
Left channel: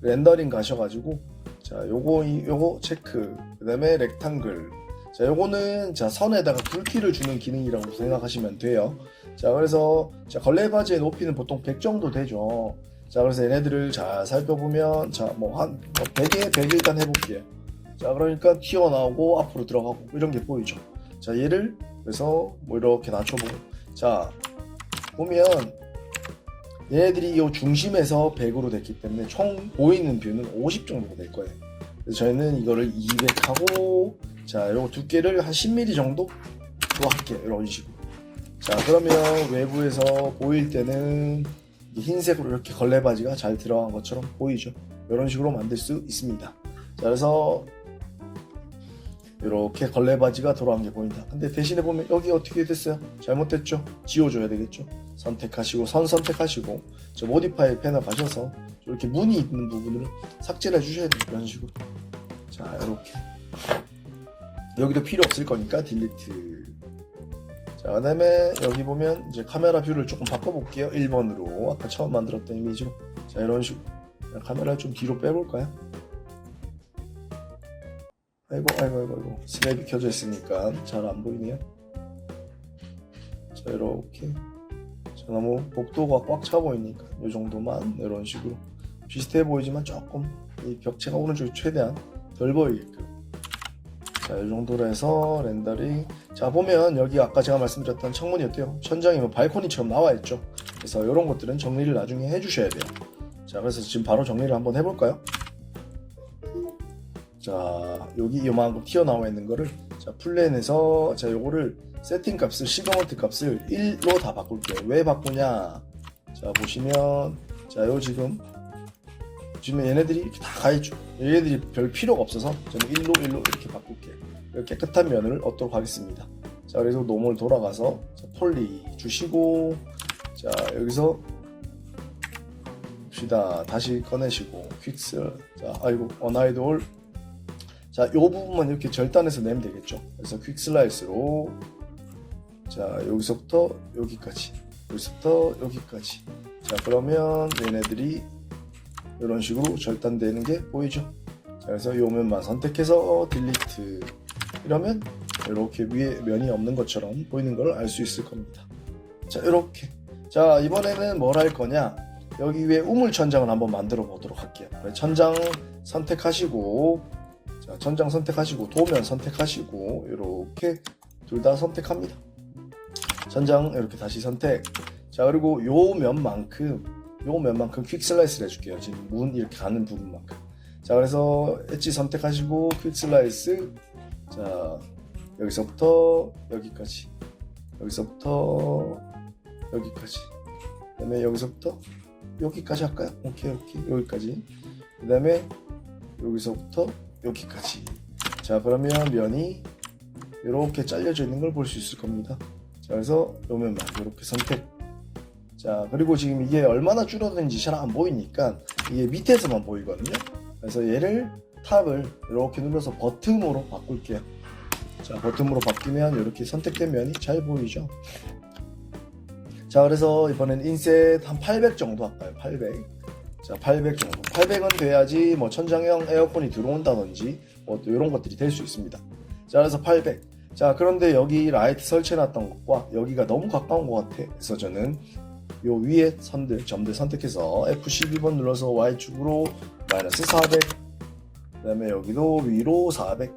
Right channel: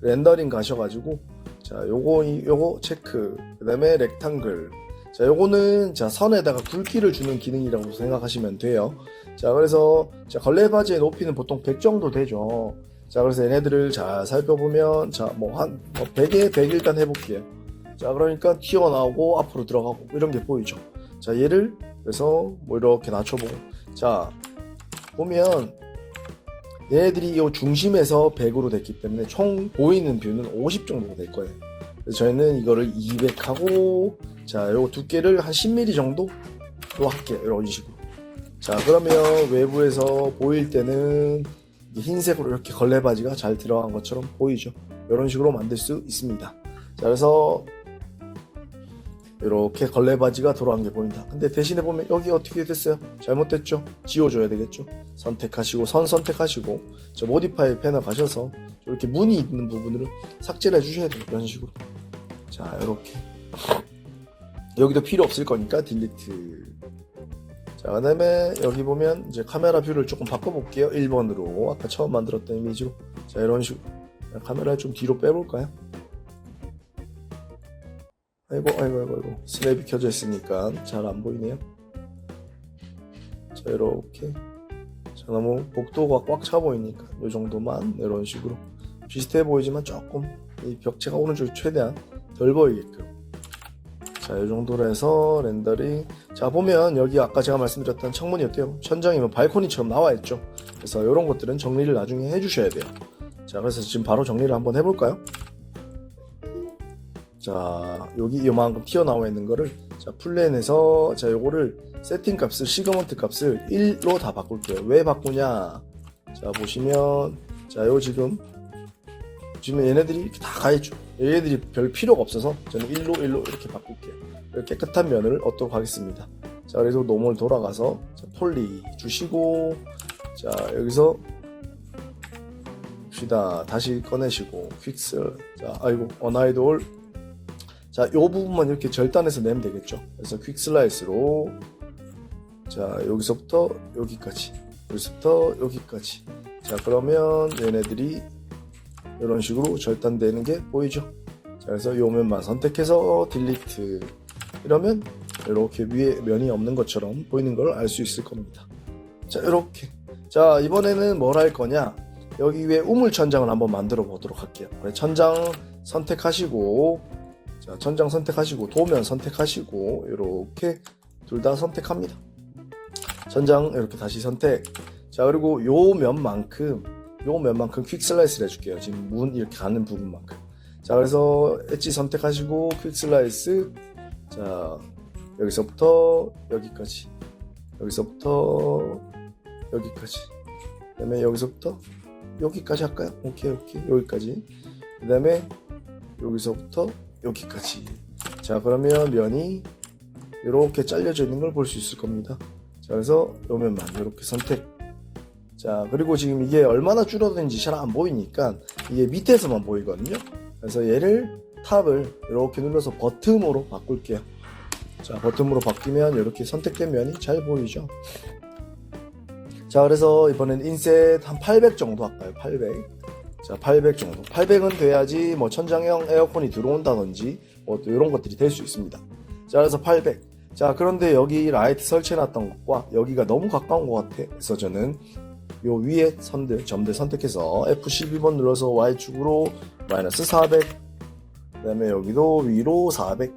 렌더링 가셔가지고 자, 요거 체크. 그 다음에 렉탱글. 자, 요거는 자, 선에다가 굵기를 주는 기능이라고 생각하시면 돼요. 자, 그래서 자, 걸레바지의 높이는 보통 100 정도 되죠. 자, 그래서 얘네들을 잘 살펴보면 자, 한 100에 100 일단 해볼게요. 자, 그러니까 튀어나오고 앞으로 들어가고 이런 게 보이죠. 자, 얘를 그래서 이렇게 낮춰보고 자, 보면 얘네들이 이 중심에서 100으로 됐기 때문에 총 보이는 뷰는 50 정도가 될 거예요. 그래서 저희는 이거를 200하고 자, 요거 두께를 한 10mm 정도 할게요. 이런 식으로. 자, 그러면 외부에서 보일 때는 흰색으로 이렇게 걸레바지가 잘 들어간 것처럼 보이죠. 이런 식으로 만들 수 있습니다. 자, 그래서 이렇게 걸레바지가 돌아간 게 보인다. 근데 대신에 보면 여기 어떻게 됐어요? 잘못됐죠? 지워줘야 되겠죠? 선택하시고 선 선택하시고 저 모디파이 패널 가셔서 이렇게 무늬 있는 부분을 삭제를 해주셔야 돼요. 이런 식으로. 자, 이렇게 여기도 필요 없을 거니까 딜리트. 자, 그 다음에 여기 보면 이제 카메라 뷰를 조금 바꿔볼게요. 1번으로 아까 처음 만들었던 이미지로. 자, 이런 식으로 카메라를 좀 뒤로 빼볼까요? 아이고 스냅이 켜져 있으니까 잘 안 보이네요. 자, 자 이렇게 자, 너무 복도가 꽉 차 보이니까 이 정도만 이런 식으로 비슷해 보이지만 조금 이 벽체가 오른쪽이 최대한 덜 보이게끔 자 이 정도로 해서 렌더링 자 보면 여기 아까 제가 말씀드렸던 창문이 어때요? 천장이 뭐 발코니처럼 나와 있죠. 그래서 이런 것들은 정리를 나중에 해주셔야 돼요. 자 그래서 지금 바로 정리를 한번 해볼까요? 자 여기 이만큼 튀어나와 있는 거를 자 플랜에서 자 요거를 세팅 값을 시그먼트 값을 1로 다 바꿀게요. 왜 바꾸냐 자 보시면 자 요 지금 얘네들이 이렇게 다 가있죠. 얘네들이 별 필요가 없어서 저는 1로 이렇게 바꿀게요. 이렇게 깨끗한 면을 얻도록 하겠습니다. 자 그래서 노멀 돌아가서 자, 폴리 주시고 자 여기서 봅시다. 다시 꺼내시고 퀵슬 자 아이고 언아이돌 자 요 부분만 이렇게 절단해서 내면 되겠죠. 그래서 퀵슬라이스로 자 여기서부터 여기까지 여기서부터 여기까지 자 그러면 얘네들이 이런 식으로 절단되는 게 보이죠. 자 그래서 이 면만 선택해서 딜리트 이러면 이렇게 위에 면이 없는 것처럼 보이는 걸 알 수 있을 겁니다. 자 이렇게 자 이번에는 뭘 할 거냐 여기 위에 우물 천장을 한번 만들어 보도록 할게요. 천장 선택하시고 자 천장 선택하시고 도면 선택하시고 이렇게 둘 다 선택합니다. 천장 이렇게 다시 선택 자 그리고 요 면만큼 퀵 슬라이스를 해줄게요. 지금 문 이렇게 가는 부분만큼 자 그래서 엣지 선택하시고 퀵 슬라이스 자 여기서부터 여기까지 여기서부터 여기까지 그 다음에 여기서부터 여기까지 할까요? 오케이 여기까지 그 다음에 여기서부터 여기까지 자 그러면 면이 이렇게 잘려져 있는 걸 볼 수 있을 겁니다. 자 그래서 요 면만 이렇게 선택 자 그리고 지금 이게 얼마나 줄어드는지 잘 안 보이니까 이게 밑에서만 보이거든요. 그래서 얘를 탑을 이렇게 눌러서 버튼으로 바꿀게요. 자 버튼으로 바뀌면 이렇게 선택된 면이 잘 보이죠. 자 그래서 이번엔 인셋 한 800 정도 할까요? 800 자 800 정도 800은 돼야지 뭐 천장형 에어컨이 들어온다든지 뭐 또 이런 것들이 될 수 있습니다. 자 그래서 800 자 그런데 여기 라이트 설치해놨던 것과 여기가 너무 가까운 것 같아. 그래서 저는 요 위에 점들 선택해서 F12번 눌러서 Y축으로 마이너스 400 그 다음에 여기도 위로 400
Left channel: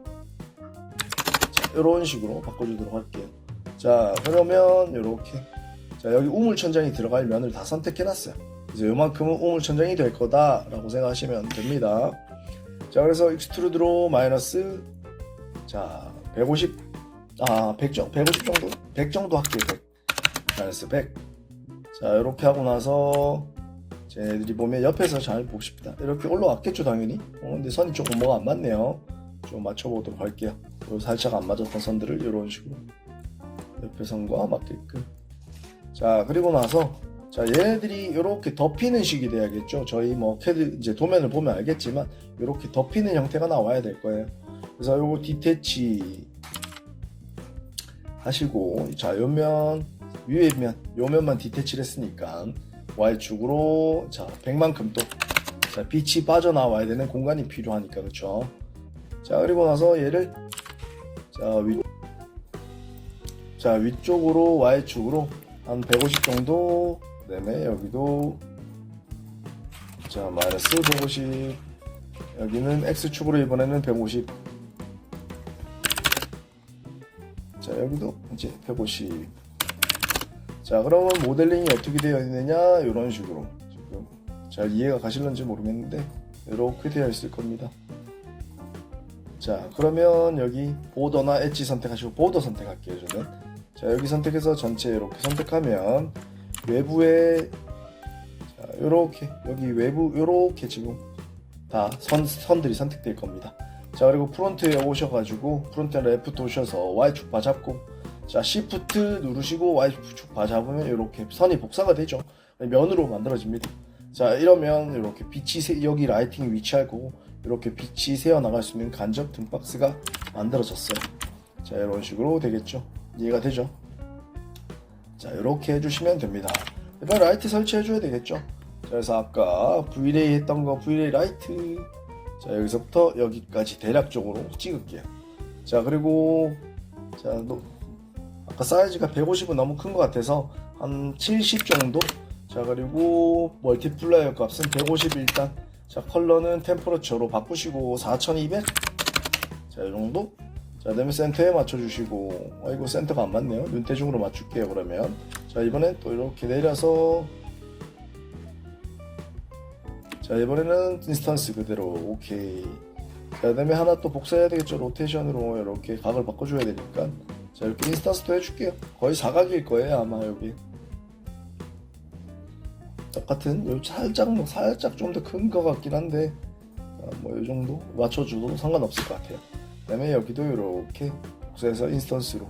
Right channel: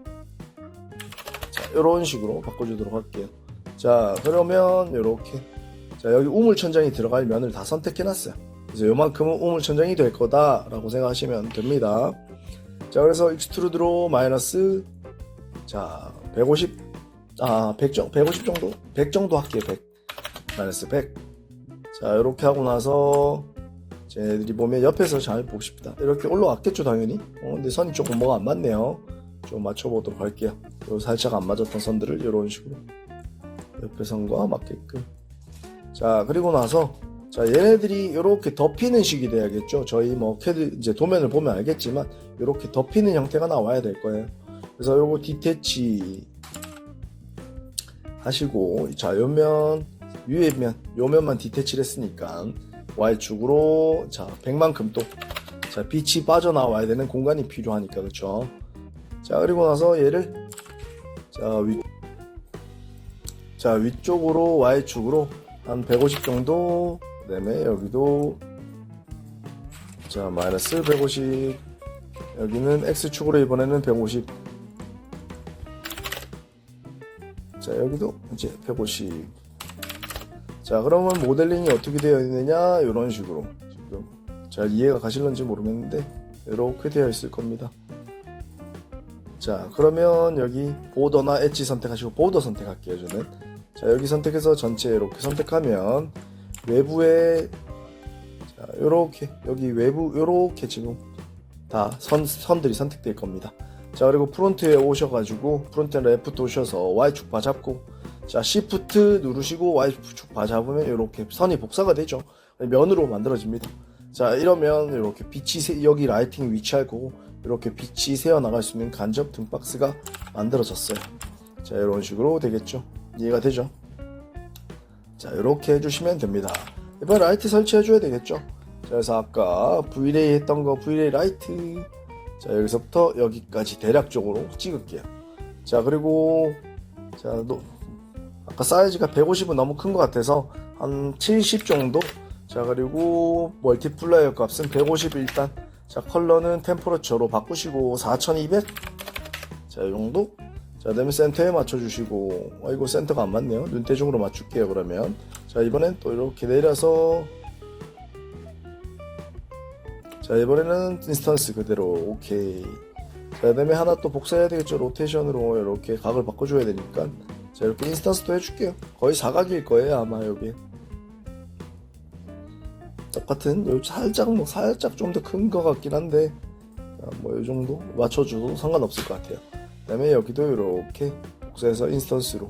자, 이런 식으로 바꿔주도록 할게요. 자 그러면 이렇게 자 여기 우물 천장이 들어갈 면을 다 선택해놨어요. 그래서 요만큼은 우물 천장이 될 거다 라고 생각하시면 됩니다. 자 그래서 익스트루드로 마이너스 자 150 100 정도? 100 정도 할게요. 100 마이너스 100 자 이렇게 하고 나서 쟤네들이 보면 옆에서 잘 봅시다. 이렇게 올라왔겠죠 당연히. 근데 선이 조금 뭐가 안 맞네요. 좀 맞춰보도록 할게요. 살짝 안 맞았던 선들을 이런 식으로 옆에 선과 맞게끔 자 그리고 나서 자 얘네들이 이렇게 덮이는 식이 돼야겠죠. 저희 뭐 캐드 이제 도면을 보면 알겠지만 이렇게 덮이는 형태가 나와야 될 거예요. 그래서 요거 디태치 하시고 자 요면 위에 면 요면만 디태치를 했으니까 Y축으로 자 100만큼 또 자 빛이 빠져나와야 되는 공간이 필요하니까 그렇죠. 자 그리고 나서 얘를 자 위쪽으로 Y축으로 한 150 정도 그 다음에 여기도 자 마이너스 150 여기는 X축으로 이번에는 150 자 여기도 이제 150 자 그러면 모델링이 어떻게 되어 있느냐 이런 식으로 지금 잘 이해가 가실런지 모르겠는데 이렇게 되어 있을 겁니다. 자 그러면 여기 보더나 엣지 선택하시고 보더 선택할게요. 저는 자 여기 선택해서 전체 이렇게 선택하면 외부에 자 요렇게 여기 외부 요렇게 지금 다 선들이 선택될 겁니다. 자 그리고 프론트에 오셔가지고 프론트에 레프트 오셔서 Y축 바 잡고 자 Shift 누르시고 Y축 바 잡으면 이렇게 선이 복사가 되죠. 면으로 만들어집니다. 자 이러면 이렇게 빛이 여기 라이팅이 위치할 거고 이렇게 빛이 새어나갈 수 있는 간접 등박스가 만들어졌어요. 자 이런 식으로 되겠죠. 이해가 되죠? 자 이렇게 해주시면 됩니다. 이번 라이트 설치해 줘야 되겠죠. 자, 그래서 아까 Vray 했던 거 Vray 라이트 자 여기서부터 여기까지 대략적으로 찍을게요. 자 그리고 자 아까 사이즈가 150은 너무 큰 것 같아서 한 70 정도. 자, 그리고 멀티플라이어 값은 150 일단. 자, 컬러는 템퍼러처로 바꾸시고 4200. 자, 이 정도. 자, 그다음에 센터에 맞춰주시고, 아이고 센터가 안 맞네요. 눈대중으로 맞출게요. 그러면 자, 이번엔 또 이렇게 내려서, 자, 이번에는 인스턴스 그대로 오케이. 자, 그다음에 하나 또 복사해야 되겠죠. 로테이션으로 이렇게 각을 바꿔줘야 되니까. 자, 이렇게 인스턴스도 해줄게요. 거의 사각일 거예요 아마. 여기 똑같은, 여기 살짝 좀 더 큰 것 같긴 한데, 뭐 이 정도 맞춰주고 상관없을 것 같아요. 그 다음에 여기도 이렇게 복사해서 인스턴스로.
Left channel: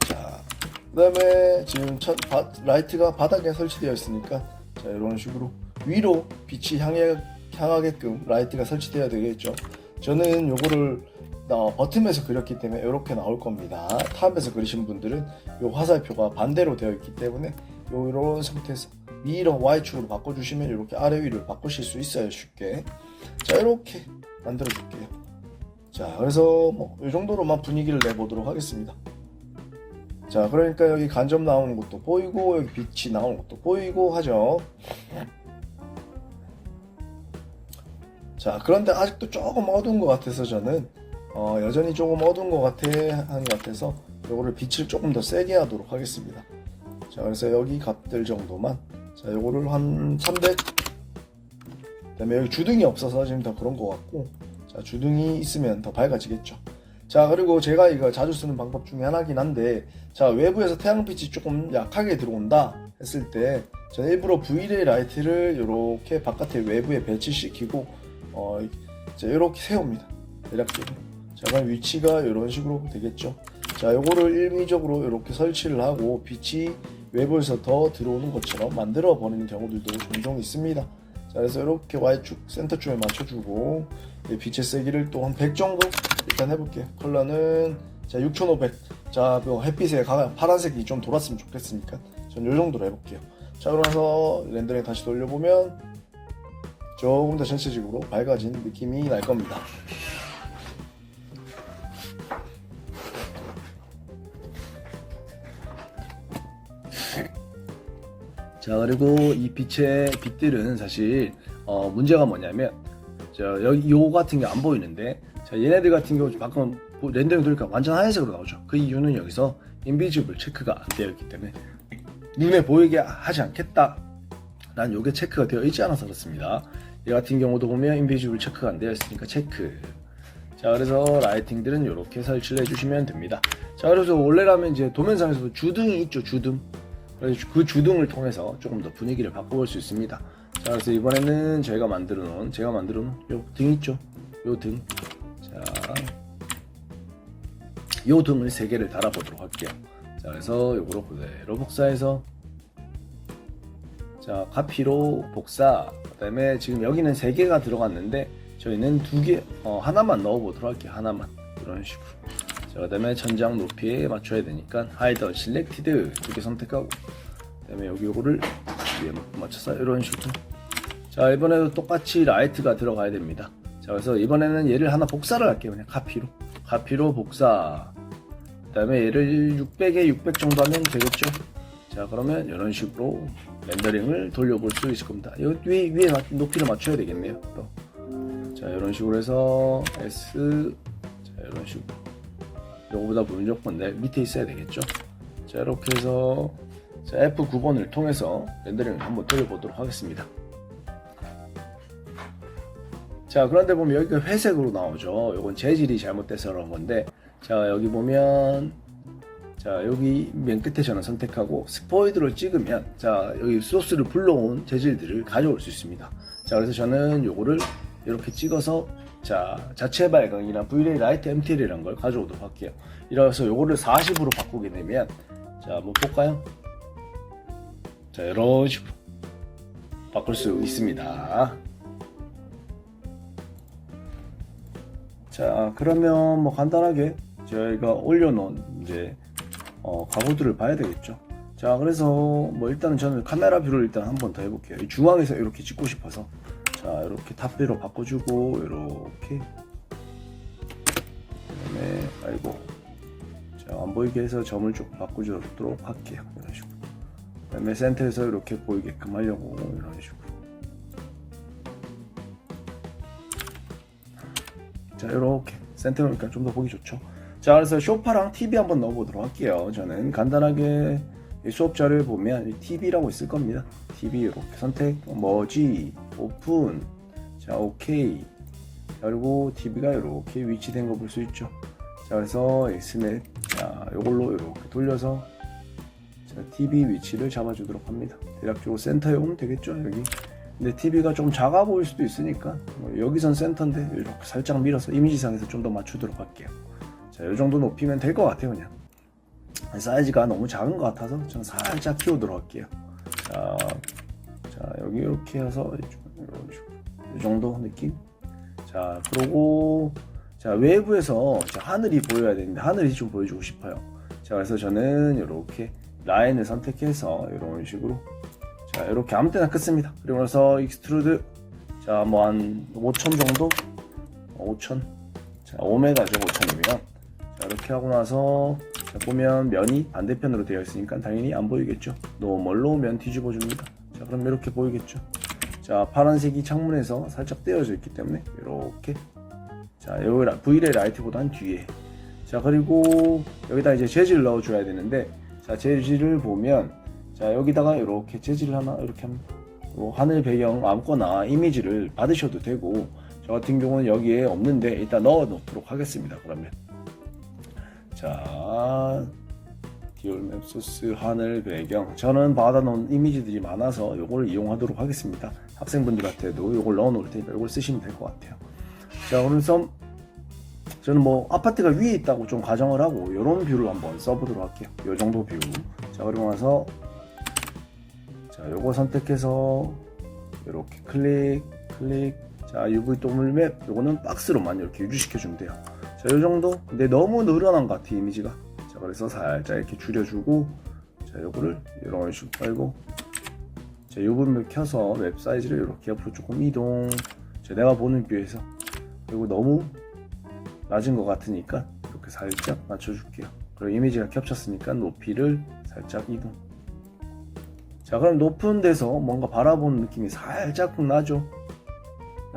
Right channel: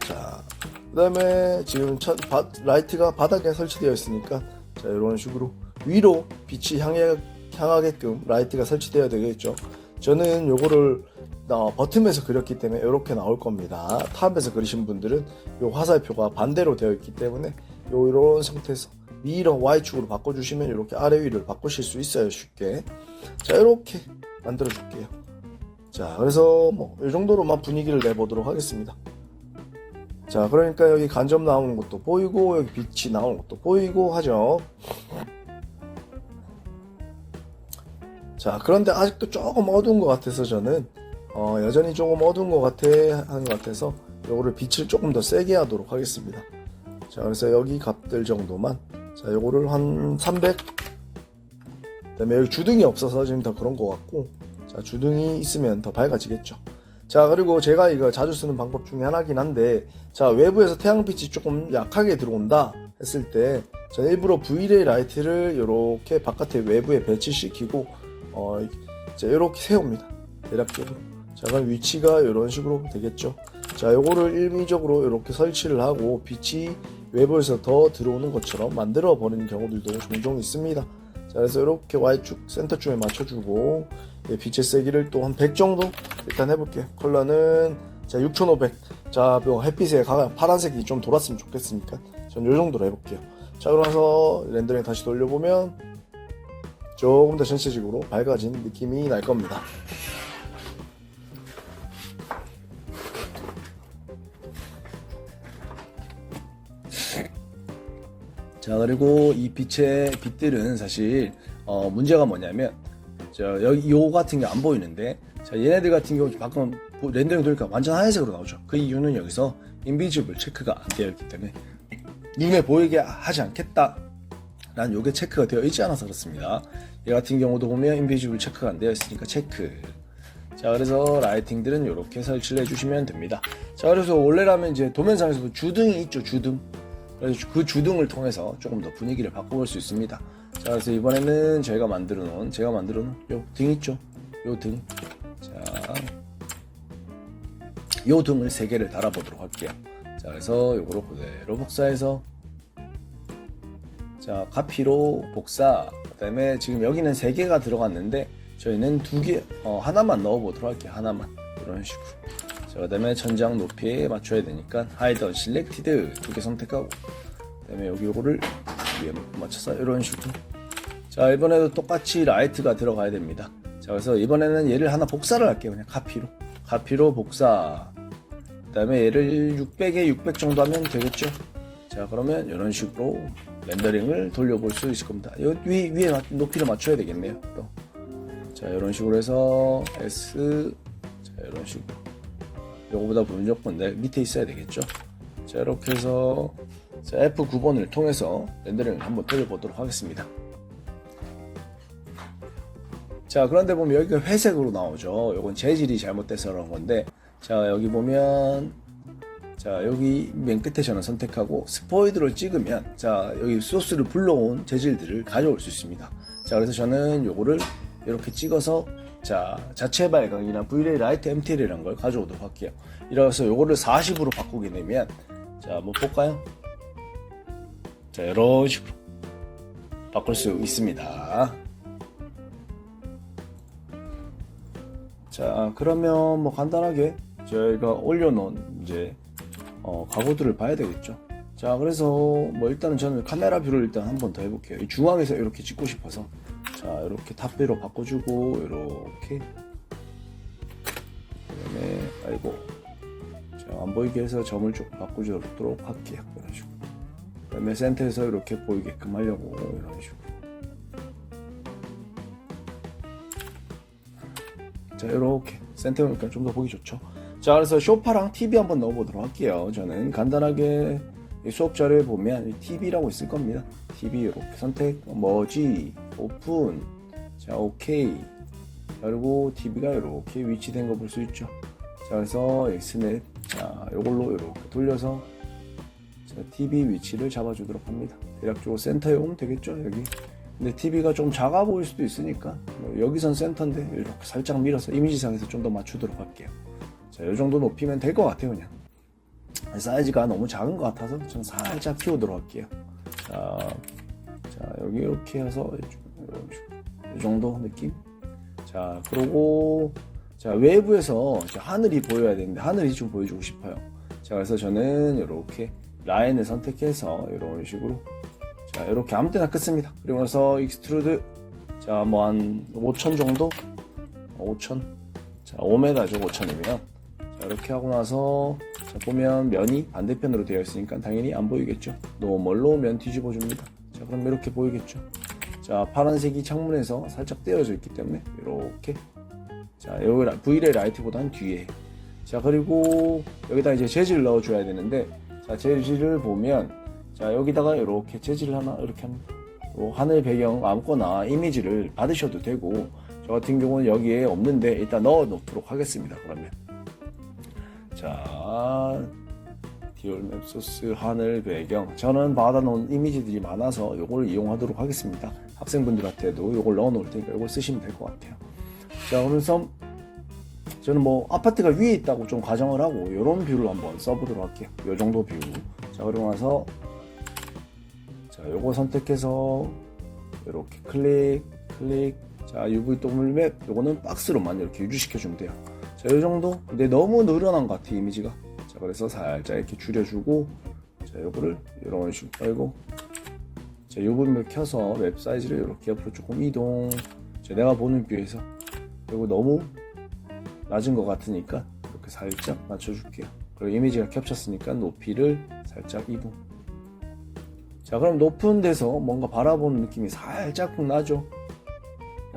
자, 그 다음에 지금 라이트가 바닥에 설치되어 있으니까, 자, 이런 식으로 위로 빛이 향하게끔 라이트가 설치되어야 되겠죠. 저는 요거를 버튼에서 그렸기 때문에 이렇게 나올 겁니다. 탑에서 그리신 분들은 요 화살표가 반대로 되어 있기 때문에 이런 상태에서 위로 Y축으로 바꿔주시면 이렇게 아래 위로 바꾸실 수 있어요. 쉽게. 자, 이렇게 만들어 줄게요. 자, 그래서 뭐 이 정도로만 분위기를 내보도록 하겠습니다. 자, 그러니까 여기 간접 나오는 것도 보이고 여기 빛이 나오는 것도 보이고 하죠. 자, 그런데 아직도 조금 어두운 것 같아서 저는 여전히 조금 어두운 것 같아서 요거를 빛을 조금 더 세게 하도록 하겠습니다. 자, 그래서 여기 값들 정도만. 자, 요거를 한 300. 그 다음에 여기 주등이 없어서 지금 더 그런 것 같고, 자, 주등이 있으면 더 밝아지겠죠. 자, 그리고 제가 이거 자주 쓰는 방법 중에 하나긴 한데, 자, 외부에서 태양빛이 조금 약하게 들어온다 했을 때, 저 일부러 V레이 라이트를 이렇게 바깥에 외부에 배치시키고, 자, 이렇게 세웁니다. 대략적으로. 자, 그럼 위치가 이런 식으로 되겠죠. 자, 요거를 일미적으로 이렇게 설치를 하고 빛이 외부에서 더 들어오는 것처럼 만들어 버리는 경우들도 종종 있습니다. 자, 그래서 이렇게 Y축 센터쪽에 맞춰주고, 빛의 세기를 또 한 100 정도 일단 해볼게요. 컬러는 자 6500. 자, 뭐 햇빛에 파란색이 좀 돌았으면 좋겠으니까 전 요 정도로 해볼게요. 자, 그러면서 렌더링 다시 돌려보면 조금 더 전체적으로 밝아진 느낌이 날 겁니다. 자, 그리고 이 빛들은 사실 문제가 뭐냐면, 여기 요 같은 게 안 보이는데, 자, 얘네들 같은 경우 방금 렌더링 돌리니까 완전 하얀색으로 나오죠. 그 이유는 여기서 인비지블 체크가 안 되어 있기 때문에 눈에 보이게 하지 않겠다 라는 요게 체크가 되어 있지 않아서 그렇습니다. 얘 같은 경우도 보면 인비지블 체크가 안 되어 있으니까 체크. 자, 그래서 라이팅들은 이렇게 설치를 해주시면 됩니다. 자, 그래서 원래라면 이제 도면상에서도 주등이 있죠. 주등. 그래서 그 주등을 통해서 조금 더 분위기를 바꿔볼 수 있습니다. 자, 그래서 이번에는 제가 만들어 놓은 요 등 있죠. 요 등. 자, 요 등을 3개를 달아보도록 할게요. 자, 그래서 요거로 그대로 복사해서, 자, 카피로 복사. 그 다음에 지금 여기는 3개가 들어갔는데 저희는 2개, 하나만 넣어보도록 할게요. 하나만. 이런 식으로. 자, 그 다음에 천장 높이에 맞춰야 되니까 Hide Selected 2개 선택하고, 그 다음에 여기 요거를 위에 맞춰서 이런 식으로. 자, 이번에도 똑같이 라이트가 들어가야 됩니다. 자, 그래서 이번에는 얘를 하나 복사를 할게요. 그냥 카피로 복사. 그 다음에 얘를 600에 600 정도 하면 되겠죠. 자, 그러면 이런 식으로 렌더링을 돌려볼 수 있을 겁니다. 이 위에 높이를 맞춰야 되겠네요. 또. 자, 이런 식으로 해서 S. 자, 이런 식으로. 요거보다 무조건 밑에 있어야 되겠죠. 자, 이렇게 해서 F9번을 통해서 렌더링을 한번 돌려보도록 하겠습니다. 자, 그런데 보면 여기가 회색으로 나오죠. 요건 재질이 잘못돼서 그런 건데, 자, 여기 보면, 자, 여기 맨 끝에 저는 선택하고 스포이드를 찍으면, 자, 여기 소스를 불러온 재질들을 가져올 수 있습니다. 자, 그래서 저는 요거를 이렇게 찍어서, 자, 자체 발광이나 V레이 라이트 MTL이라는 걸 가져오도록 할게요. 이래서 요거를 40으로 바꾸게 되면, 자, 한번 볼까요? 자, 이런 식으로 바꿀 수 있습니다. 자, 그러면 뭐 간단하게 저희가 올려놓은 이제 가구들을 봐야 되겠죠. 자, 그래서 뭐 일단은 저는 카메라 뷰를 일단 한 번 더 해볼게요. 이 중앙에서 이렇게 찍고 싶어서, 자, 이렇게 탑뷰로 바꿔주고, 이렇게. 그다음에 아이고, 자, 자, 안 보이게 해서 점을 조금 바꿔주도록 할게요. 이런 식으로. 그 다음에 센터에서 이렇게 보이게끔 하려고 이런 식으로. 자, 이렇게 센터니까 좀 더 보기 좋죠. 자, 그래서 소파랑 TV 한번 넣어보도록 할게요. 저는 간단하게 이 수업 자료에 보면 TV라고 있을 겁니다. TV 이렇게 선택, 머지, 오픈, 자, 오케이. 그리고 TV가 이렇게 위치된 거 볼 수 있죠. 자, 그래서 스냅, 자, 요걸로 이렇게 돌려서 자, TV 위치를 잡아주도록 합니다. 대략적으로 센터에 오면 되겠죠, 여기. 근데 TV가 좀 작아 보일 수도 있으니까 여기선 센터인데 이렇게 살짝 밀어서 이미지상에서 좀 더 맞추도록 할게요. 자, 이 정도 높이면 될 것 같아요. 그냥 사이즈가 너무 작은 것 같아서 저는 살짝 키우도록 할게요. 자, 여기 이렇게 해서 이 정도 느낌. 자, 그리고 자, 외부에서 자, 하늘이 보여야 되는데 하늘이 좀 보여주고 싶어요. 자, 그래서 저는 이렇게 라인을 선택해서 이런 식으로 자, 이렇게 아무 때나 긋습니다. 그리고 나서 익스트루드 자, 뭐 한 5천 정도 5천 자, 5m죠. 5천이면 자, 이렇게 하고 나서 자, 보면 면이 반대편으로 되어 있으니까 당연히 안 보이겠죠. 노멀로 면 뒤집어 줍니다. 자, 그럼 이렇게 보이겠죠. 자, 파란색이 창문에서 살짝 떼어져 있기 때문에 이렇게 자, 여기 V레이 라이트보다는 뒤에 자, 그리고 여기다 이제 재질을 넣어 줘야 되는데 자, 재질을 보면 자, 여기다가 이렇게 재질을 하나 이렇게 합니다. 하늘 배경 아무거나 이미지를 받으셔도 되고 저 같은 경우는 여기에 없는데 일단 넣어 놓도록 하겠습니다. 그러면 자, 디올맵 소스 하늘 배경 저는 받아놓은 이미지들이 많아서 이걸 이용하도록 하겠습니다. 학생분들한테도 이걸 넣어 놓을 테니까 이걸 쓰시면 될 것 같아요. 자, 그래서 저는 뭐 아파트가 위에 있다고 좀 가정을 하고 이런 뷰를 한번 써보도록 할게요. 이 정도 뷰. 자, 그리고 나서 자, 요거 선택해서 이렇게 클릭. 자, UV 도물맵 요거는 박스로만 이렇게 유지시켜 주면 돼요. 자, 요 정도. 근데 너무 늘어난 것 같아 이미지가. 자, 그래서 살짝 이렇게 줄여주고 자, 요거를 이런 식으로 빨고 자, UV맵 켜서 웹 사이즈를 이렇게 옆으로 조금 이동. 자, 내가 보는 뷰에서 그리고 너무 낮은 것 같으니까 이렇게 살짝 맞춰줄게요. 그리고 이미지가 겹쳤으니까 높이를 살짝 이동. 자, 그럼 높은 데서 뭔가 바라보는 느낌이 살짝 나죠.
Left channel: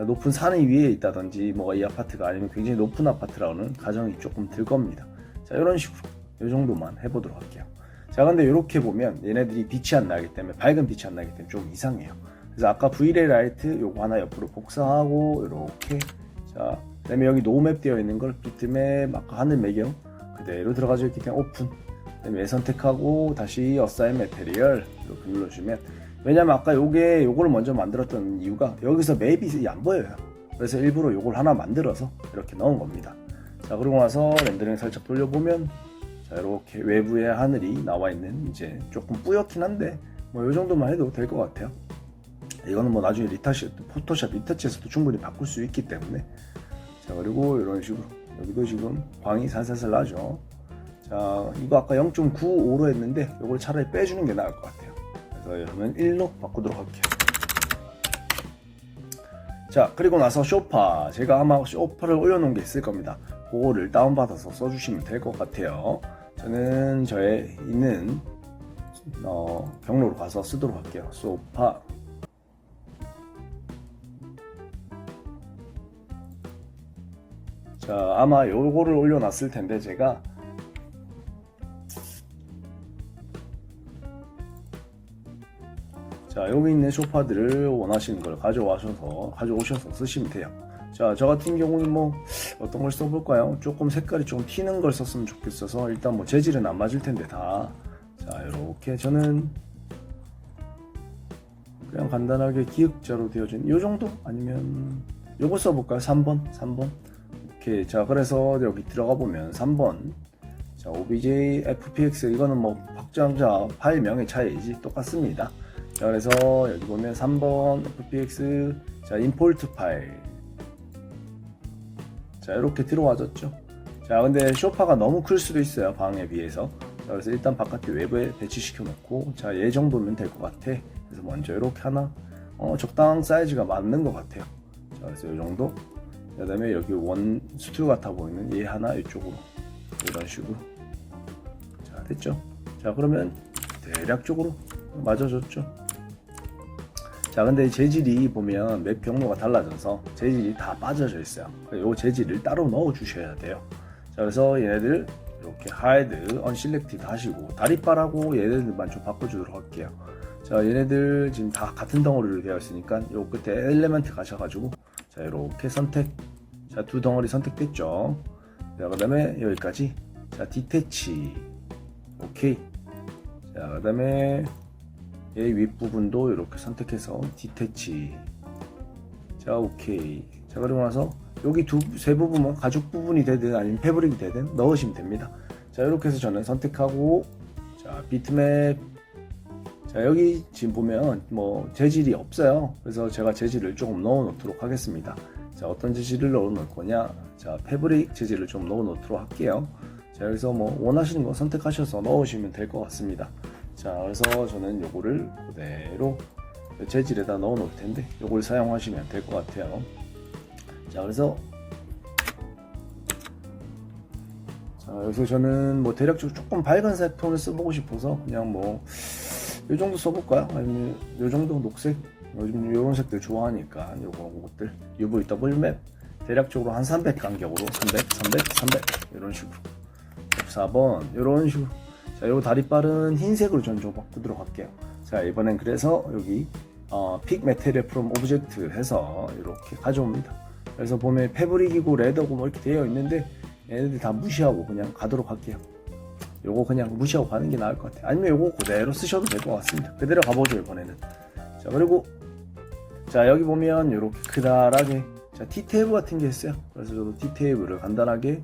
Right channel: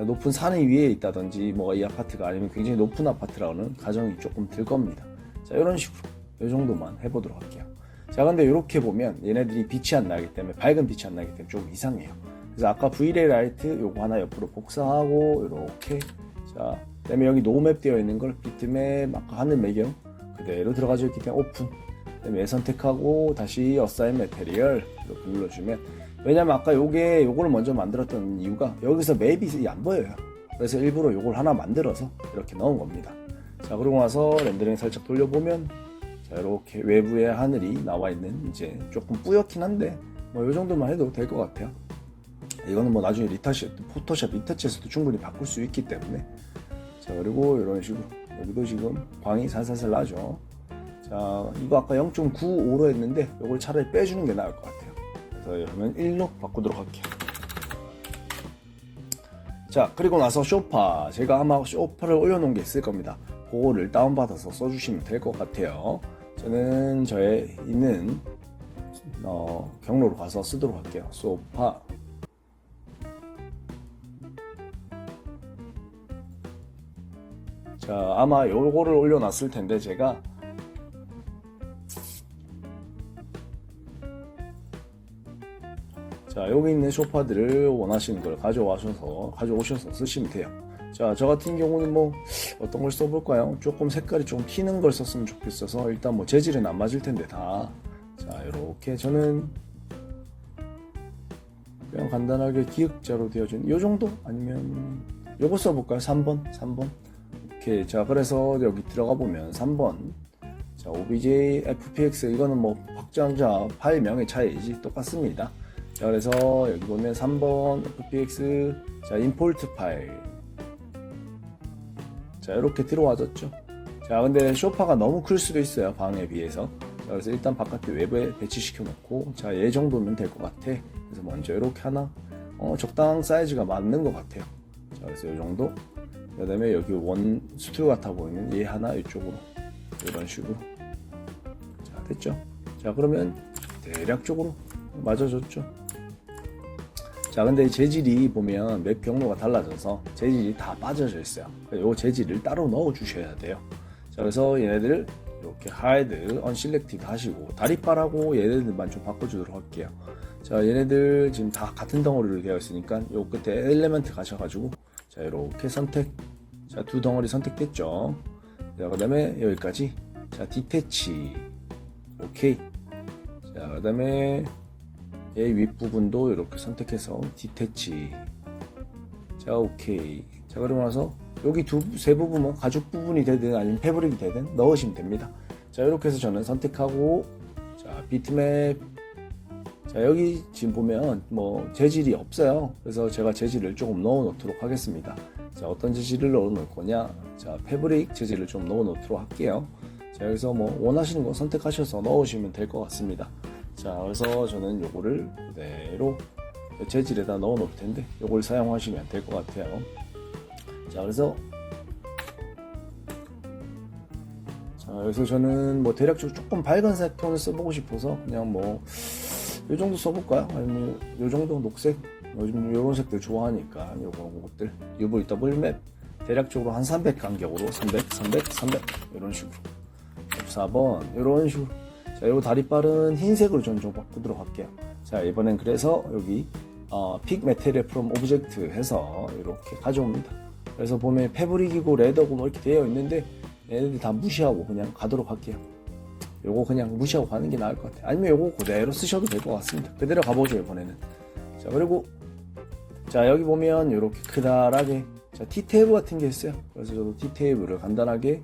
높은 산이 위에 있다든지 뭐가 이 아파트가 아니면 굉장히 높은 아파트라는 가정이 조금 들 겁니다. 자, 이런 식으로 이 정도만 해보도록 할게요. 자, 근데 이렇게 보면 얘네들이 빛이 안 나기 때문에 밝은 빛이 안 나기 때문에 좀 이상해요. 그래서 아까 V레이 라이트 요거 하나 옆으로 복사하고 이렇게 자, 그다음에 여기 노맵 되어 있는 걸 비트맵 아까 하늘 배경 그대로 들어가져 있기 때문에 오픈. 그다음에 선택하고 다시 어사인 매테리얼 이렇게 눌러주면 왜냐면 아까 요거를 먼저 만들었던 이유가 여기서 맵이 안 보여요. 그래서 일부러 요걸 하나 만들어서 이렇게 넣은 겁니다. 자, 그러고 나서 렌더링 살짝 돌려보면 자, 이렇게 외부에 하늘이 나와 있는 이제 조금 뿌옇긴 한데 뭐 요 정도만 해도 될 것 같아요. 이거는 뭐 나중에 포토샵 리터치에서도 충분히 바꿀 수 있기 때문에 자, 그리고 이런 식으로 여기도 지금 광이 살살살 나죠. 자, 이거 아까 0.95로 했는데 이걸 차라리 빼주는 게 나을 것 같아요. 그래서 그러면 1로 바꾸도록 할게요. 자, 그리고 나서 쇼파 제가 아마 쇼파를 올려놓은 게 있을 겁니다. 그거를 다운받아서 써주시면 될 것 같아요. 저는 저의 있는 경로로 가서 쓰도록 할게요. 소파 자, 아마 요거를 올려놨을 텐데 제가 자, 여기 있는 소파들을 원하시는 걸 가져오셔서 쓰시면 돼요. 자, 저 같은 경우는 뭐 어떤 걸 써볼까요? 조금 색깔이 좀 튀는 걸 썼으면 좋겠어서 일단 뭐 재질은 안 맞을 텐데 다. 자, 이렇게 저는 그냥 간단하게 기역자로 되어진 요 정도 아니면 요거 써볼까요? 3번 이렇게. 자, 그래서 여기 들어가 보면 3번 자, OBJ FPX 이거는 뭐 확장자 파일명의 차이지 똑같습니다. 자, 그래서 여기 보면 3번 FPX 자, 임포트 파일 자, 이렇게 들어와졌죠. 자, 근데 쇼파가 너무 클 수도 있어요, 방에 비해서. 자, 그래서 일단 바깥에 외부에 배치시켜 놓고 자, 얘 정도면 될 것 같아. 그래서 먼저 이렇게 하나 적당한 사이즈가 맞는 것 같아요. 자, 그래서 이 정도. 그 다음에 여기 원 스튜디오 같아 보이는 얘 하나 이쪽으로 이런 식으로 됐죠. 자, 그러면 대략적으로 맞아졌죠. 자, 근데 재질이 보면 맵 경로가 달라져서 재질이 다 빠져져 있어요. 이 재질을 따로 넣어 주셔야 돼요. 자, 그래서 얘네들 이렇게 하이드, 언실렉티드 하시고 다리빨하고 얘네들만 좀 바꿔주도록 할게요. 자, 얘네들 지금 다 같은 덩어리로 되어 있으니까 요 끝에 엘리멘트 가셔가지고 자, 이렇게 선택. 자, 두 덩어리 선택됐죠. 자, 그 다음에 여기까지. 자, 디태치. 오케이. 자, 그 다음에 얘 윗부분도 이렇게 선택해서 디태치. 자, 오케이. 자, 그러고 나서 여기 세 부분은 가죽 부분이 되든 아니면 패브릭이 되든 넣으시면 됩니다. 자, 이렇게 해서 저는 선택하고, 자, 비트맵. 자, 여기 지금 보면 뭐 재질이 없어요. 그래서 제가 재질을 조금 넣어 놓도록 하겠습니다. 자, 어떤 재질을 넣어 놓을 거냐. 자, 패브릭 재질을 좀 넣어 놓도록 할게요. 자, 여기서 뭐 원하시는 거 선택하셔서 넣으시면 될 것 같습니다. 자, 그래서 저는 요거를 그대로 재질에다 넣어 놓을 텐데 요걸 사용하시면 될 것 같아요. 자, 그래서 저는 뭐 대략적으로 조금 밝은색 톤을 써보고 싶어서 그냥 뭐 요 정도 써볼까요? 아니면 요 정도 녹색? 요즘 요런 색들 좋아하니까 요런 것들 UVW 맵 대략적으로 한 300 간격으로 300 이런 식으로 4번 이런 식으로. 자, 요 다리빨은 흰색으로 좀 바꾸도록 할게요. 자, 이번엔 그래서 여기 픽 메테리얼 프롬 오브젝트 해서 이렇게 가져옵니다. 그래서 보면 패브릭이고 레더고 뭐 이렇게 되어 있는데 얘네들 다 무시하고 그냥 가도록 할게요. 요거 그냥 무시하고 가는 게 나을 것 같아요. 아니면 요거 그대로 쓰셔도 될 것 같습니다. 그대로 가보죠, 이번에는. 자, 그리고 자, 여기 보면 이렇게 크다랗게 자, T테이블 같은 게 있어요. 그래서 저도 T테이블을 간단하게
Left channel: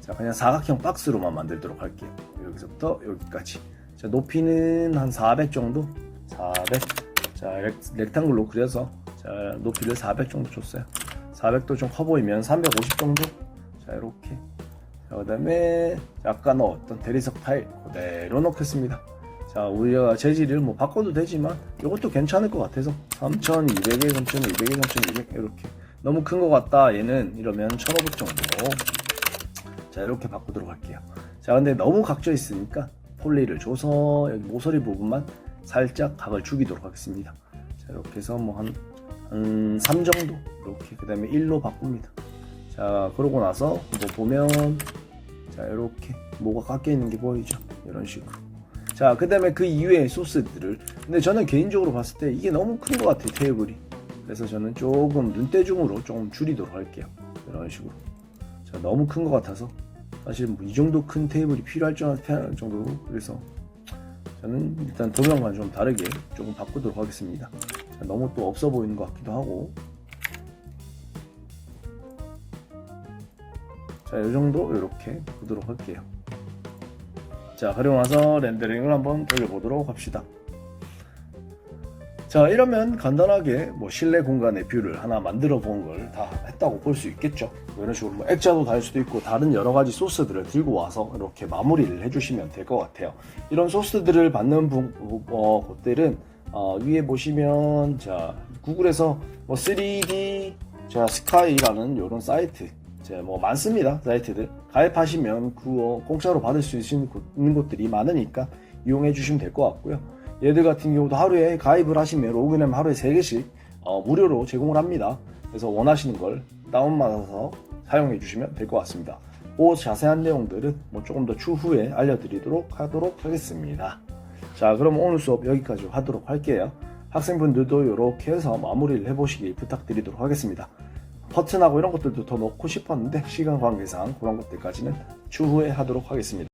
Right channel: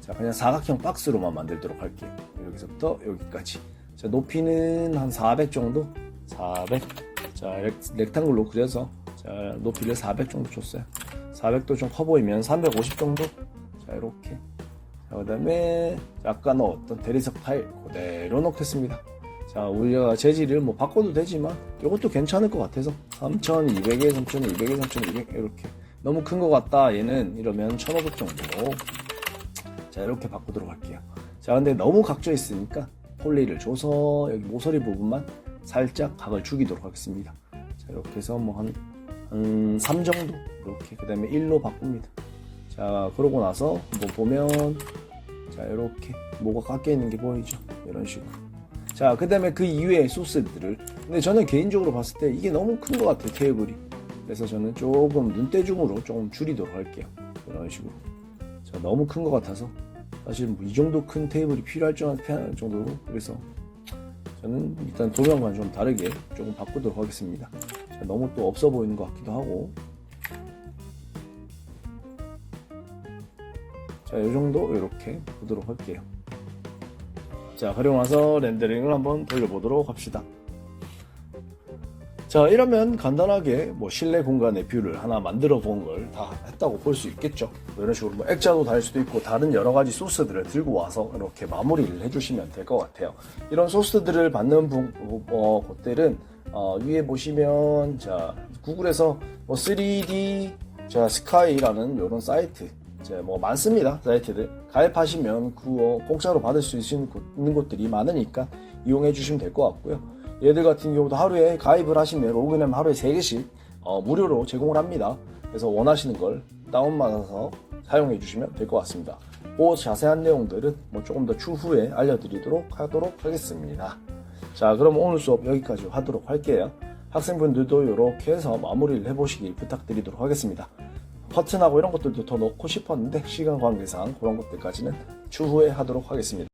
자, 그냥 사각형 박스로만 만들도록 할게요. 여기서부터 여기까지. 자, 높이는 한 400 정도. 400. 자, 렉탱글로 그려서 자, 높이를 400 정도 줬어요. 400도 좀 커 보이면 350 정도. 자, 이렇게. 자, 그 다음에 아까 넣었던 대리석 파일 그대로 넣겠습니다. 자, 우리가 재질을 뭐 바꿔도 되지만 이것도 괜찮을 것 같아서 3200에 3200에 3200 이렇게. 너무 큰 것 같다 얘는 이러면 1500 정도. 자, 이렇게 바꾸도록 할게요. 자, 근데 너무 각져 있으니까 폴리를 줘서 여기 모서리 부분만 살짝 각을 죽이도록 하겠습니다. 자, 이렇게 해서 뭐 한 3 정도 이렇게. 그 다음에 1로 바꿉니다. 자, 그러고 나서 뭐 보면 자, 이렇게 뭐가 깎여 있는 게 보이죠? 이런 식으로. 자, 그 다음에 그 이외의 소스들을, 근데 저는 개인적으로 봤을 때 이게 너무 큰 것 같아요, 테이블이. 그래서 저는 조금 눈대중으로 조금 줄이도록 할게요. 이런 식으로. 자, 너무 큰 것 같아서 사실 뭐 이 정도 큰 테이블이 필요할 정도로. 그래서 저는 일단 도면과 좀 다르게 조금 바꾸도록 하겠습니다. 자, 너무 또 없어 보이는 것 같기도 하고. 자, 이 정도 이렇게 보도록 할게요. 자, 그리고 나서 렌더링을 한번 돌려보도록 합시다. 자, 이러면 간단하게 뭐 실내 공간의 뷰를 하나 만들어 본 걸 다 했다고 볼 수 있겠죠. 이런 식으로 뭐 액자도 달 수도 있고 다른 여러 가지 소스들을 들고 와서 이렇게 마무리를 해주시면 될 것 같아요. 이런 소스들을 받는 곳들은 위에 보시면 자, 구글에서 뭐 3D 자, 스카이라는 이런 사이트 뭐 많습니다. 사이트들 가입하시면 공짜로 받을 수 있는 곳들이 많으니까 이용해 주시면 될 것 같고요. 얘들 같은 경우도 하루에 가입을 하시면 로그인하면 하루에 3개씩 무료로 제공을 합니다. 그래서 원하시는 걸 다운받아서 사용해 주시면 될 것 같습니다. 그 자세한 내용들은 뭐 조금 더 추후에 알려드리도록 하도록 하겠습니다. 자, 그럼 오늘 수업 여기까지 하도록 할게요. 학생분들도 이렇게 해서 마무리를 해보시길 부탁드리도록 하겠습니다. 버튼하고 이런 것들도 더 넣고 싶었는데 시간 관계상 그런 것들까지는 추후에 하도록 하겠습니다.